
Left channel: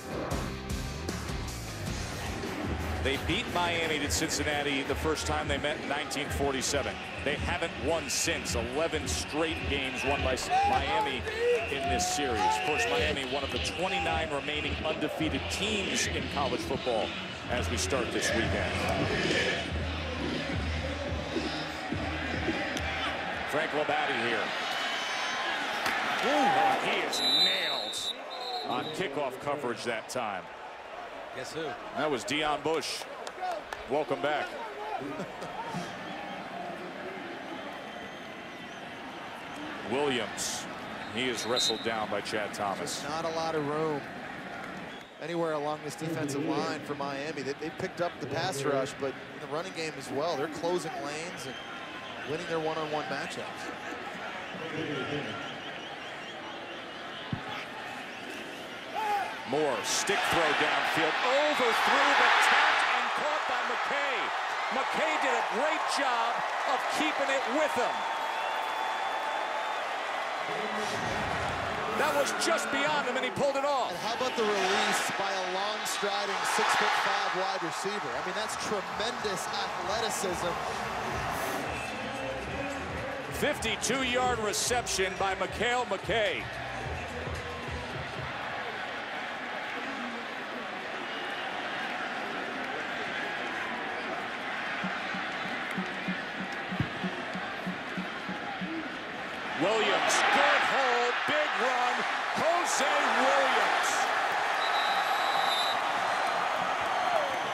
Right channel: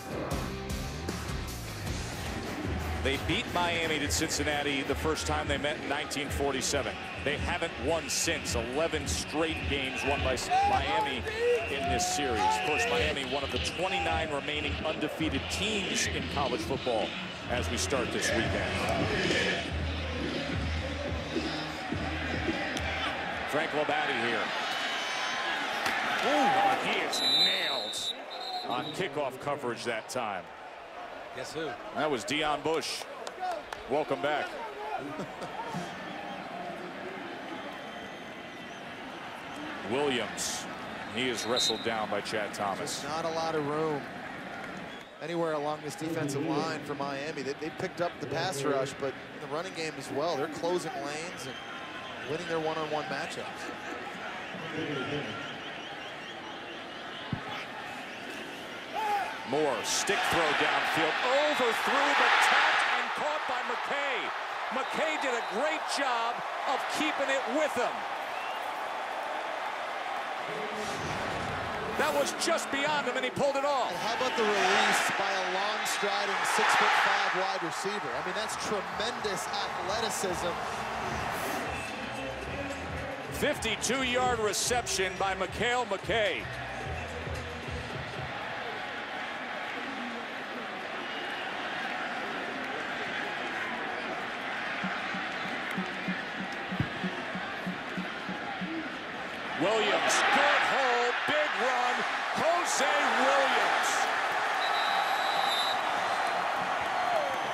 They beat Miami to Cincinnati the first time they met in 1947. They haven't won since. 11 straight games won by Miami in this series. Of course, Miami, one of the 29 remaining undefeated teams in college football as we start this weekend. Frank Labate here. Oh, he is nailed on kickoff coverage that time. Guess who? That was Deion Bush. Welcome back. Williams, he is wrestled down by Chad Thomas. Just not a lot of room anywhere along this defensive line for Miami. They picked up the pass rush, but in the running game as well. They're closing lanes and winning their one-on-one matchups. Moore, stick throw downfield, overthrew, but tapped and caught by McKay. McKay did a great job of keeping it with him. That was just beyond him, and he pulled it off. And how about the release by a long-striding 6'5" wide receiver? I mean, that's tremendous athleticism. 52-yard reception by McKay. Williams, good hole, big run, Jose Williams.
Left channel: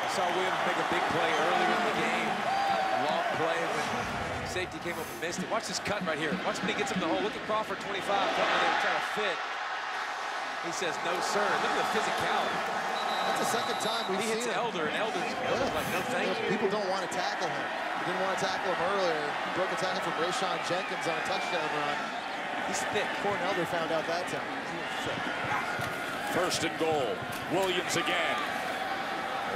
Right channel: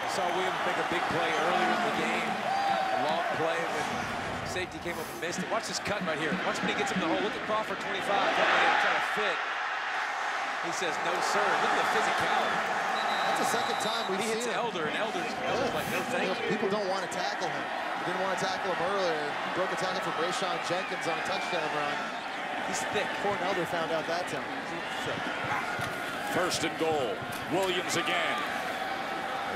I saw Williams make a big play earlier in the game. A long play when safety came up and missed it. Watch this cut right here. Watch when he gets him in the hole. Look at Crawford, 25, coming in and trying to fit. He says, no, sir. Look at the physicality. That's the second time we've seen him. He hits Elder, and Elder's like, no, thank you. People don't want to tackle him. They didn't want to tackle him earlier. Broke a tackle from Rayshon Jenkins on a touchdown run. He's thick. Corn Elder found out that time. He's a little thick. First and goal. Williams again.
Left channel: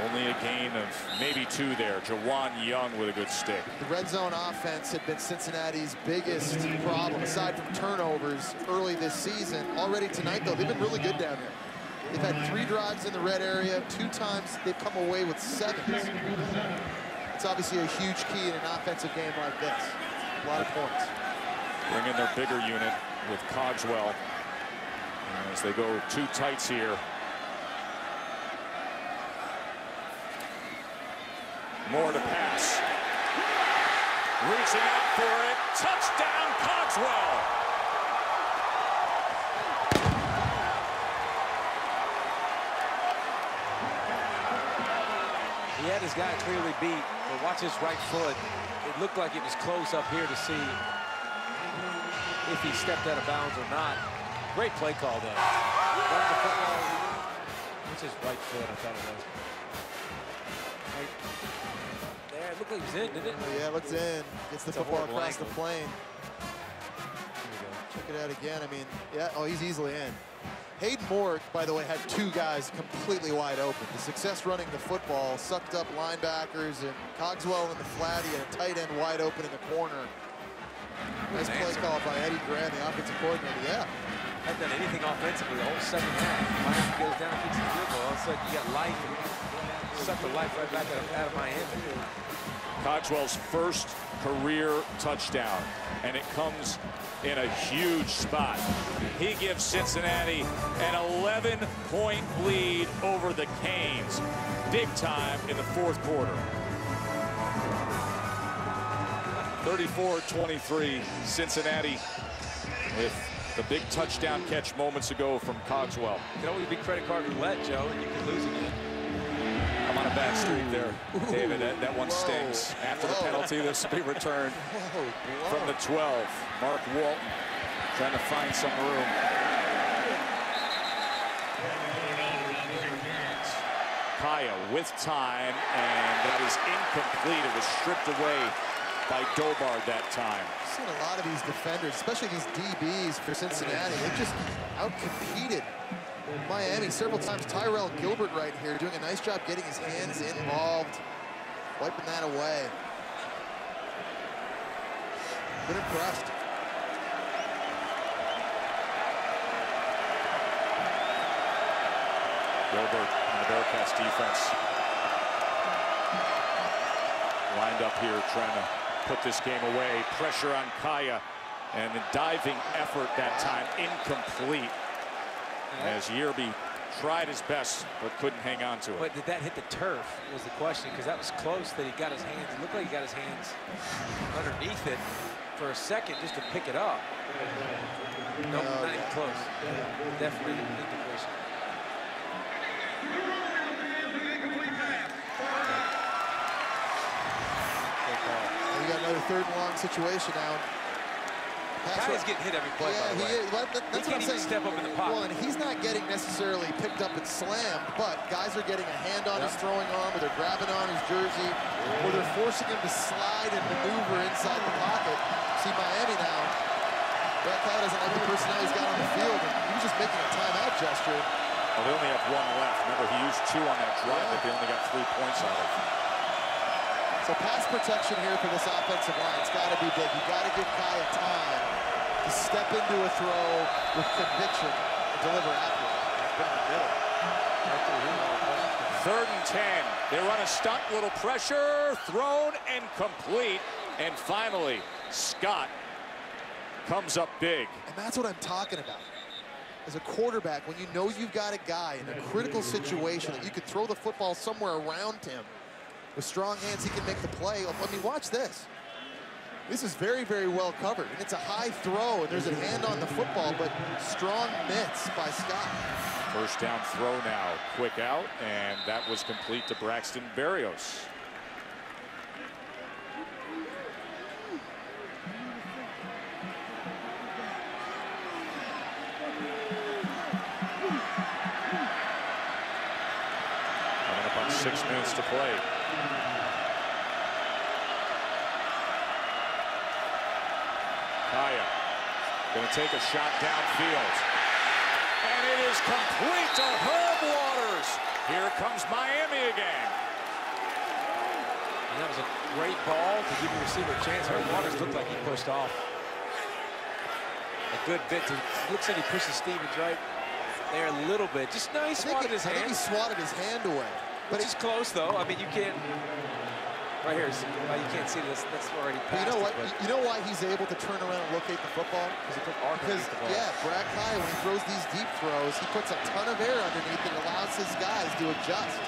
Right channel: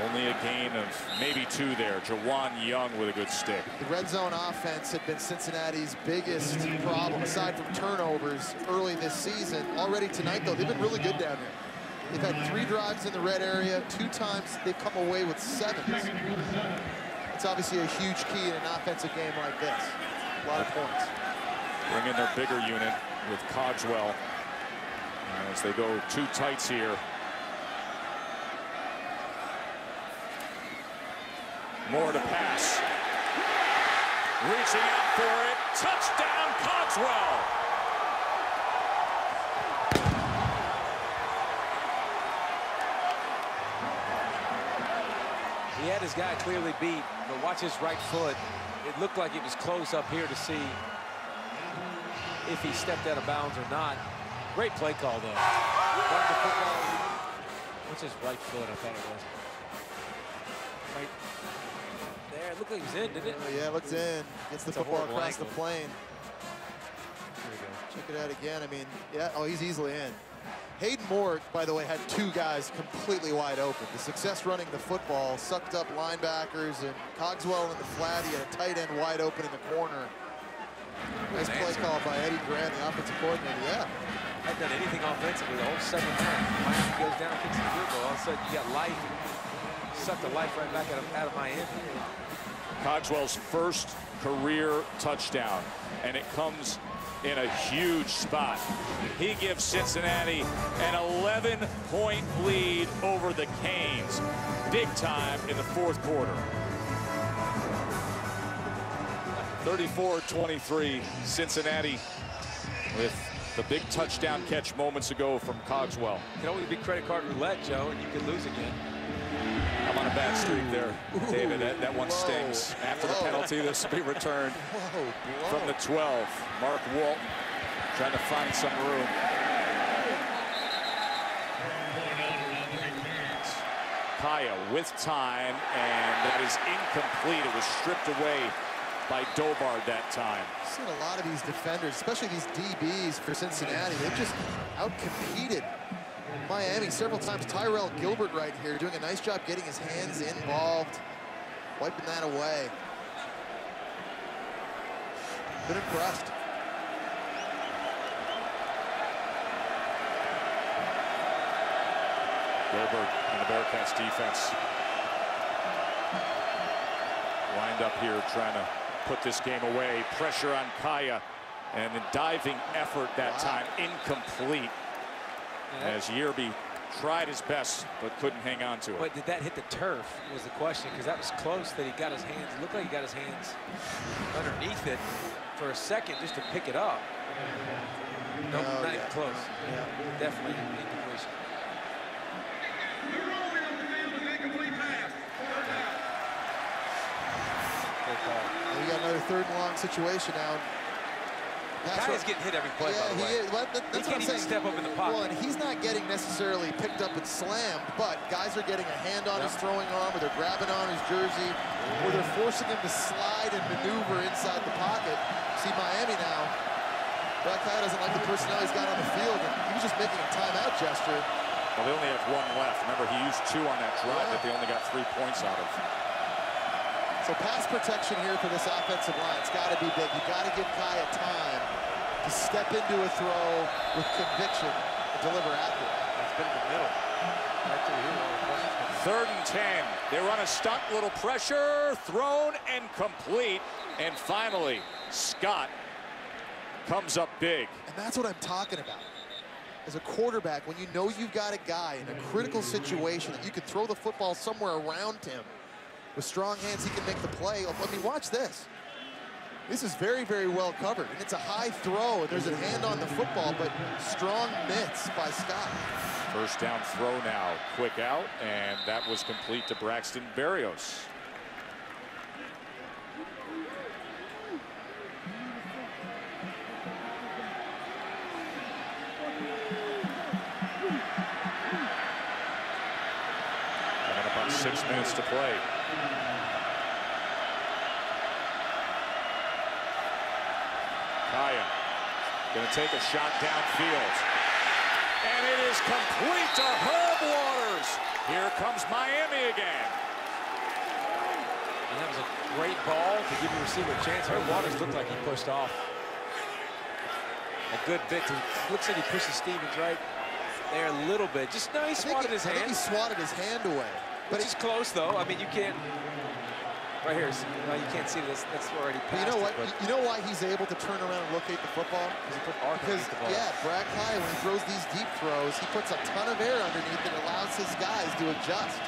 Only a gain of maybe 2 there. Jawan Young with a good stick. The red zone offense had been Cincinnati's biggest problem, aside from turnovers early this season. Already tonight, though, they've been really good down here. They've had 3 drives in the red area. 2 times they've come away with 7s. It's obviously a huge key in an offensive game like this. A lot of points. Bring in their bigger unit with Cogswell as they go 2 tights here. Moore to pass. Reaching out for it. Touchdown, Cogswell. He had his guy clearly beat, but watch his right foot. It looked like it was close up here to see if he stepped out of bounds or not. Great play call, though. Running the football. What's his right foot? I thought it was. Right there. It looked like he was in, didn't it? Oh, yeah, it looks in. Gets the football across the plane. Here we go. Check it out again. I mean, yeah, oh, he's easily in. Hayden Moore, by the way, had 2 guys completely wide open. The success running the football sucked up linebackers, and Cogswell in the flat. He had a tight end wide open in the corner. Nice play call by Eddie Grant, the offensive coordinator. Yeah. Hadn't done anything offensively the whole second half. Miami goes down and kicks the field goal. All of a sudden, you got life and sucked the life right back out of Miami. Cogswell's first career touchdown, and it comes in a huge spot. He gives Cincinnati an 11-point lead over the Canes. Big time in the 4th quarter. 34-23, Cincinnati with the big touchdown catch moments ago from Cogswell. It can always be credit card roulette, Joe, and you could lose again. I'm on a bad streak there, David. That one stings. After the penalty, this will be returned from the 12. Mark Walton trying to find some room. Kaaya with time, and that is incomplete. It was stripped away by Dobard that time. I've seen a lot of these defenders, especially these DBs for Cincinnati. They've just out-competed Miami several times. Tyrell Gilbert right here doing a nice job getting his hands involved, wiping that away. Been impressed. Gilbert and the Bearcats defense lined up here trying to put this game away. Pressure on Kaaya, and a diving effort that time incomplete. As Yerby tried his best but couldn't hang on to it. But did that hit the turf was the question, because that was close that he got his hands. It looked like he got his hands underneath it for a second just to pick it up. No, not even close. Yeah, definitely incompletion. Good call. And we got another 3rd and long situation now. Kaia's getting hit every play, by the way. Well, that's what I'm saying. Step up in the pocket. Well, and he's not getting necessarily picked up and slammed, but guys are getting a hand on his throwing arm, or they're grabbing on his jersey, or they're forcing him to slide and maneuver inside the pocket. See Miami now. Brad Kaaya doesn't like the personnel he's got on the field, and he was just making a timeout gesture. Well, they only have 1 left. Remember, he used 2 on that drive that they only got 3 points out of. So pass protection here for this offensive line. It's got to be big. You got to give Kaaya time to step into a throw with conviction and deliver accurately. He's been in the middle. Right through here, all the questions coming. 3rd and 10. They run a stunt, little pressure, thrown and complete. And finally, Scott comes up big. And that's what I'm talking about. As a quarterback, when you know you've got a guy in a critical situation that you can throw the football somewhere around him, with strong hands, he can make the play. I mean, watch this. This is very, very well covered. And it's a high throw, and there's a hand on the football, but strong mitts by Scott. 1st down throw now. Quick out, and that was complete to Braxton Berrios. Coming up on 6 minutes to play. Kaaya going to take a shot downfield. And it is complete to Herb Waters. Here comes Miami again. And that was a great ball to give your receiver a chance. Herb Waters looked like he pushed off a good bit. Looks like he pushes Stevens right there a little bit. Just no, he swatted his hand. I think he swatted his hand away. But he's close, though. I mean, you can't. Right here, well, you can't see this. That's already past. You know what? You know why he's able to turn around and locate the football? Because he put arc underneath the ball. Yeah, Brad Kaaya, when he throws these deep throws, he puts a ton of air underneath and allows his guys to adjust.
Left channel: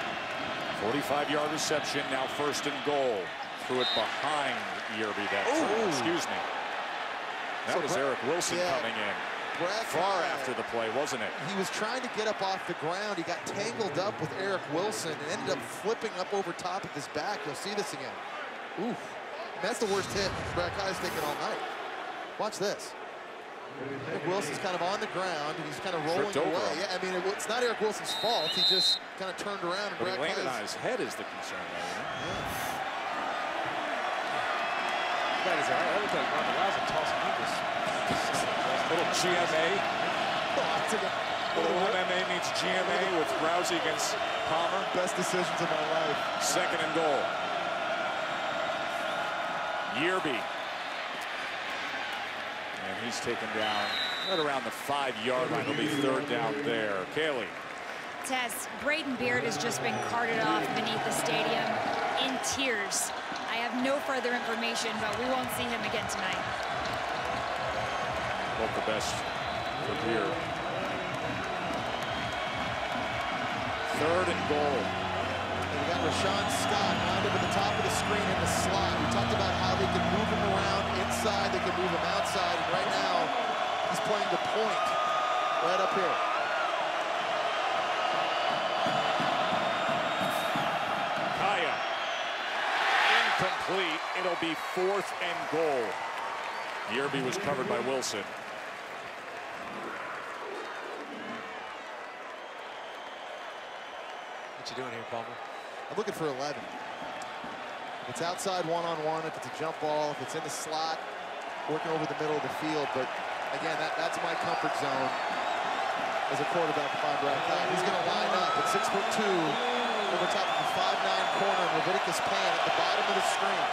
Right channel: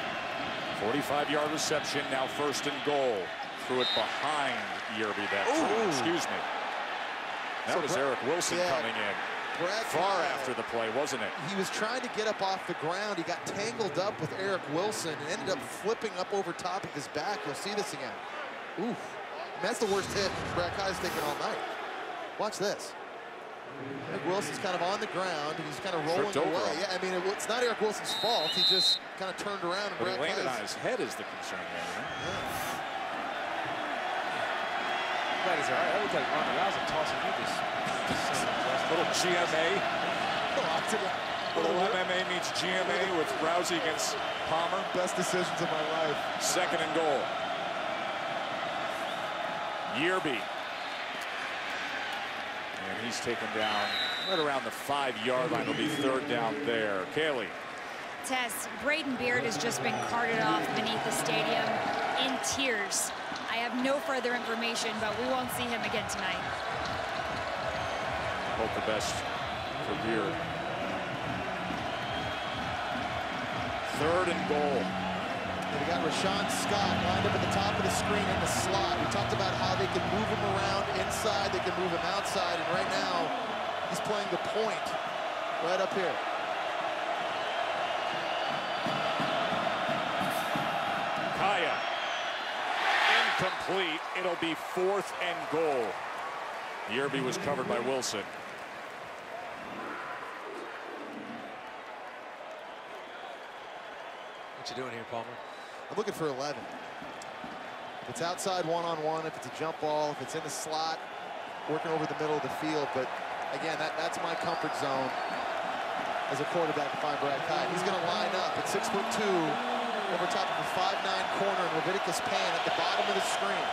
45-yard reception, now 1st and goal. Threw it behind Yerby that time. Excuse me. That was Eric Wilson coming in. Brad Far Kaaya, after the play, wasn't it? He was trying to get up off the ground. He got tangled up with Eric Wilson and ended up flipping up over top of his back. You'll see this again. Oof. And that's the worst hit Brad Kaaya's taken all night. Watch this. Eric Wilson's kind of on the ground, and he's kind of rolling away. Yeah, I mean, it's not Eric Wilson's fault. He just kind of turned around, and Brad landed on his head is the concern there, you know? Yeah. That is all right. That looked like Ronda Rousey tossing you this. Little GMA. Little MMA meets GMA with Rousey against Palmer. Best decisions of my life. 2nd and goal. Yerby. And he's taken down right around the 5-yard line. It'll be 3rd down there. Kaylee. Tess, Braden Beard has just been carted off beneath the stadium in tears. I have no further information, but we won't see him again tonight. Hope the best for Beard. 3rd and goal. And we got Rashawn Scott lined up at the top of the screen in the slot. We talked about how they could move him around inside, they could move him outside, and right now he's playing the point right up here. Kaaya. Incomplete. It'll be 4th and goal. Yerby was covered by Wilson. What you doing here, Palmer? I'm looking for 11. If it's outside one-on-one, if it's a jump ball, if it's in the slot, working over the middle of the field. But again, that's my comfort zone as a quarterback to find Brad Kaaya. He's going to line up at 6'2", over top of a 5'9" corner in Leviticus Pan at the bottom of the screen.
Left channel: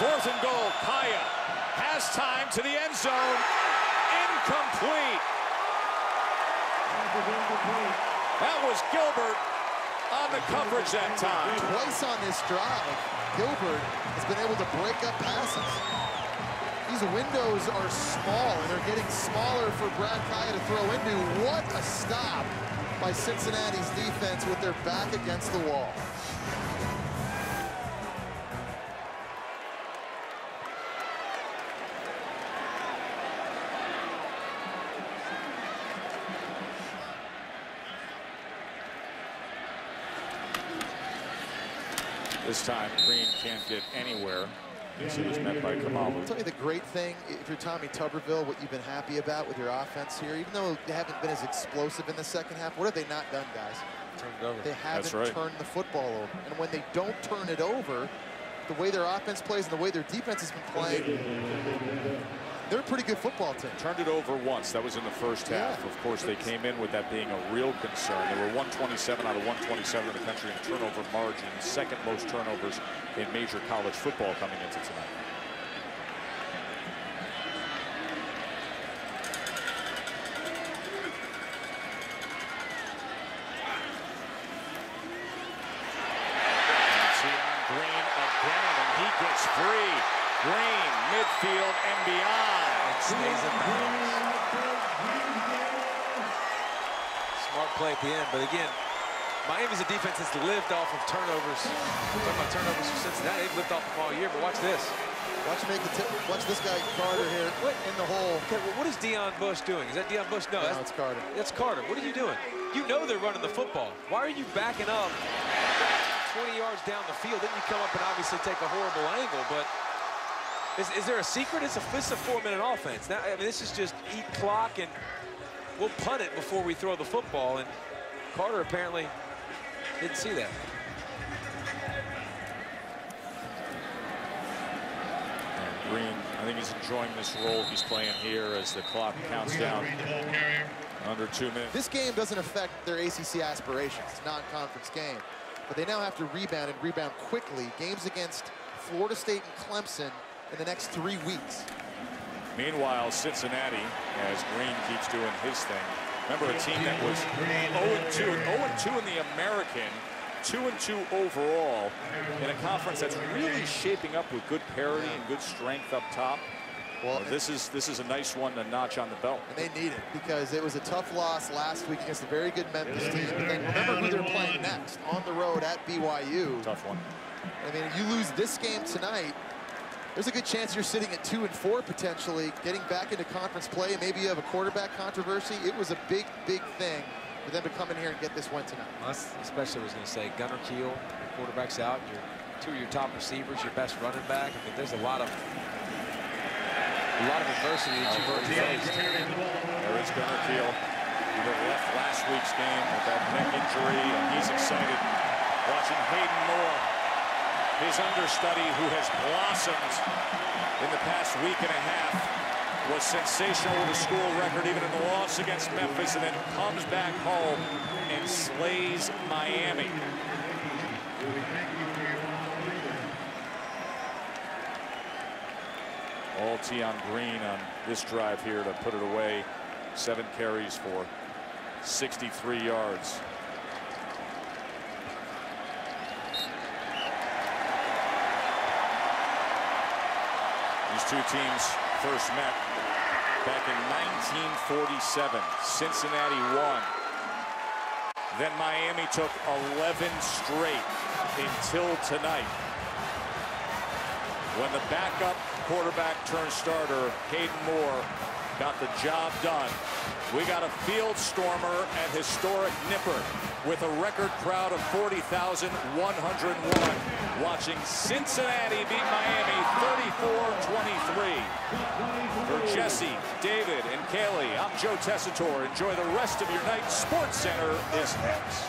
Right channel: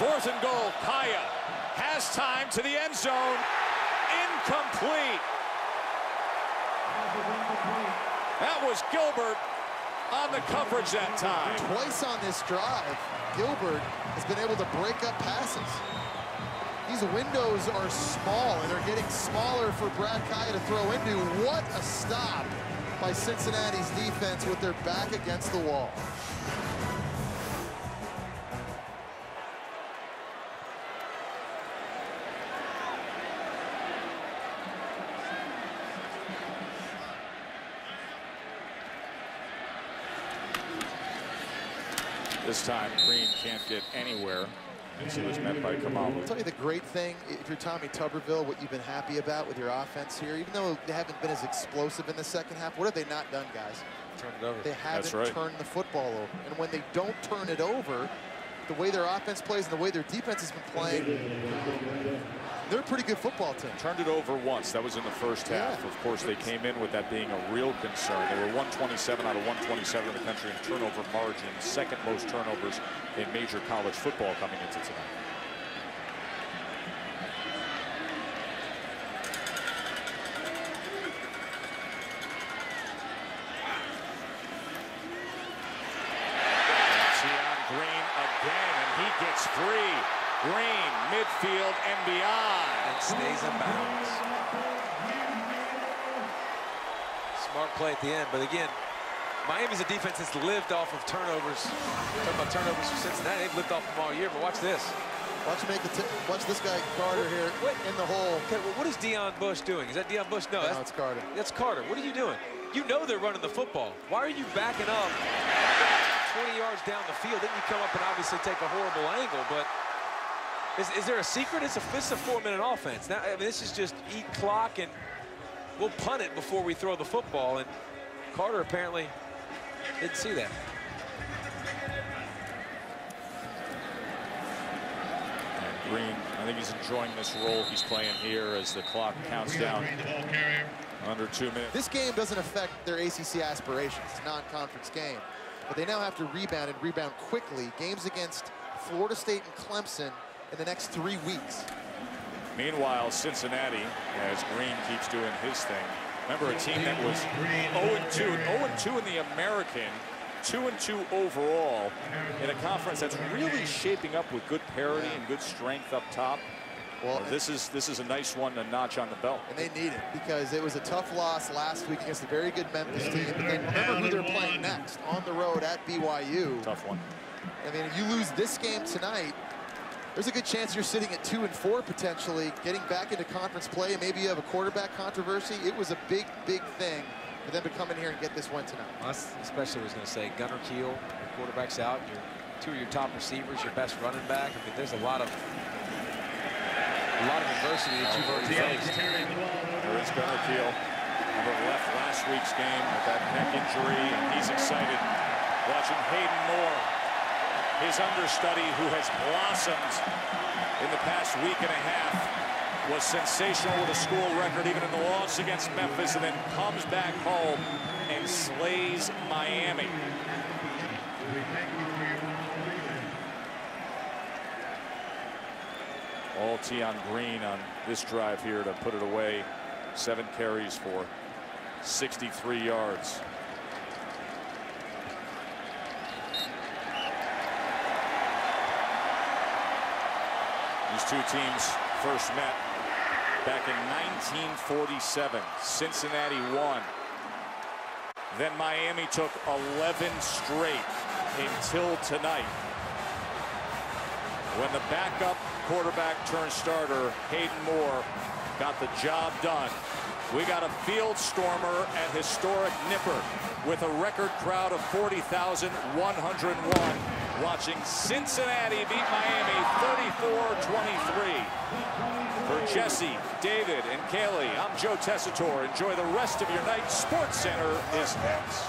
4th and goal. Kaaya has time to the end zone. Incomplete. That was Gilbert on the coverage that time. Twice on this drive, Gilbert has been able to break up passes. These windows are small, and they're getting smaller for Brad Kaaya to throw into. What a stop by Cincinnati's defense with their back against the wall. This time, Green can't get anywhere as he was met by Kamalu. I'll tell you the great thing, if you're Tommy Tuberville, what you've been happy about with your offense here, even though they haven't been as explosive in the second half, what have they not done, guys? Turned it over. They haven't turned the football over. And when they don't turn it over, the way their offense plays and the way their defense has been playing, they're a pretty good football team. Turned it over once. That was in the first half. Of course, they came in with that being a real concern. They were 127 out of 127 in the country in turnover margin, second most turnovers in major college football coming into tonight. And Tion Green again, and he gets free. Green, midfield and beyond. And stays in bounds. Smart play at the end, but again, Miami's a defense that's lived off of turnovers. We're talking about turnovers for Cincinnati. They've lived off them all year, but watch this. Watch this guy Carter here in the hole. Okay, well, what is Deion Bush doing? Is that Deion Bush? No, it's Carter. That's Carter. What are you doing? You know they're running the football. Why are you backing up 20 yards down the field? Then you come up and obviously take a horrible angle, but is there a secret? It's a 4-minute offense. Now, I mean, this is just eat clock, and we'll punt it before we throw the football. And Carter apparently didn't see that. And Green, I think he's enjoying this role he's playing here as the clock counts down under 2 minutes. This game doesn't affect their ACC aspirations. It's a non-conference game. But they now have to rebound and rebound quickly. Games against Florida State and Clemson in the next 3 weeks. Meanwhile, Cincinnati, as Green keeps doing his thing. Remember, a team that was 0-2 in the American, 2-2 overall, in a conference that's really shaping up with good parity and good strength up top. Well, this is a nice one to notch on the belt. And they need it because it was a tough loss last week against a very good Memphis team. But then remember who they're playing next on the road at BYU. Tough one. I mean, if you lose this game tonight, there's a good chance you're sitting at 2-4 potentially, getting back into conference play, and maybe you have a quarterback controversy. It was a big, big thing for them to come in here and get this win tonight. Well, especially, I was going to say, Gunner Kiel, your quarterback's out, two of your top receivers, your best running back. I mean, there's a lot of adversity that you've already faced. There is Gunner Kiel. Remember, left last week's game with that neck injury, and he's excited watching Hayden Moore, his understudy, who has blossomed in the past week and a half, was sensational with a school record even in the loss against Memphis, and then comes back home and slays Miami. All Tion Green on this drive here to put it away. 7 carries for 63 yards. These two teams first met back in 1947. Cincinnati won. Then Miami took 11 straight until tonight, when the backup quarterback turned starter, Hayden Moore, got the job done. We got a field stormer at historic Nippert with a record crowd of 40,101 watching Cincinnati beat Miami 34-23. For Jesse, David, and Kaylee, I'm Joe Tessitore. Enjoy the rest of your night. Sports Center is next.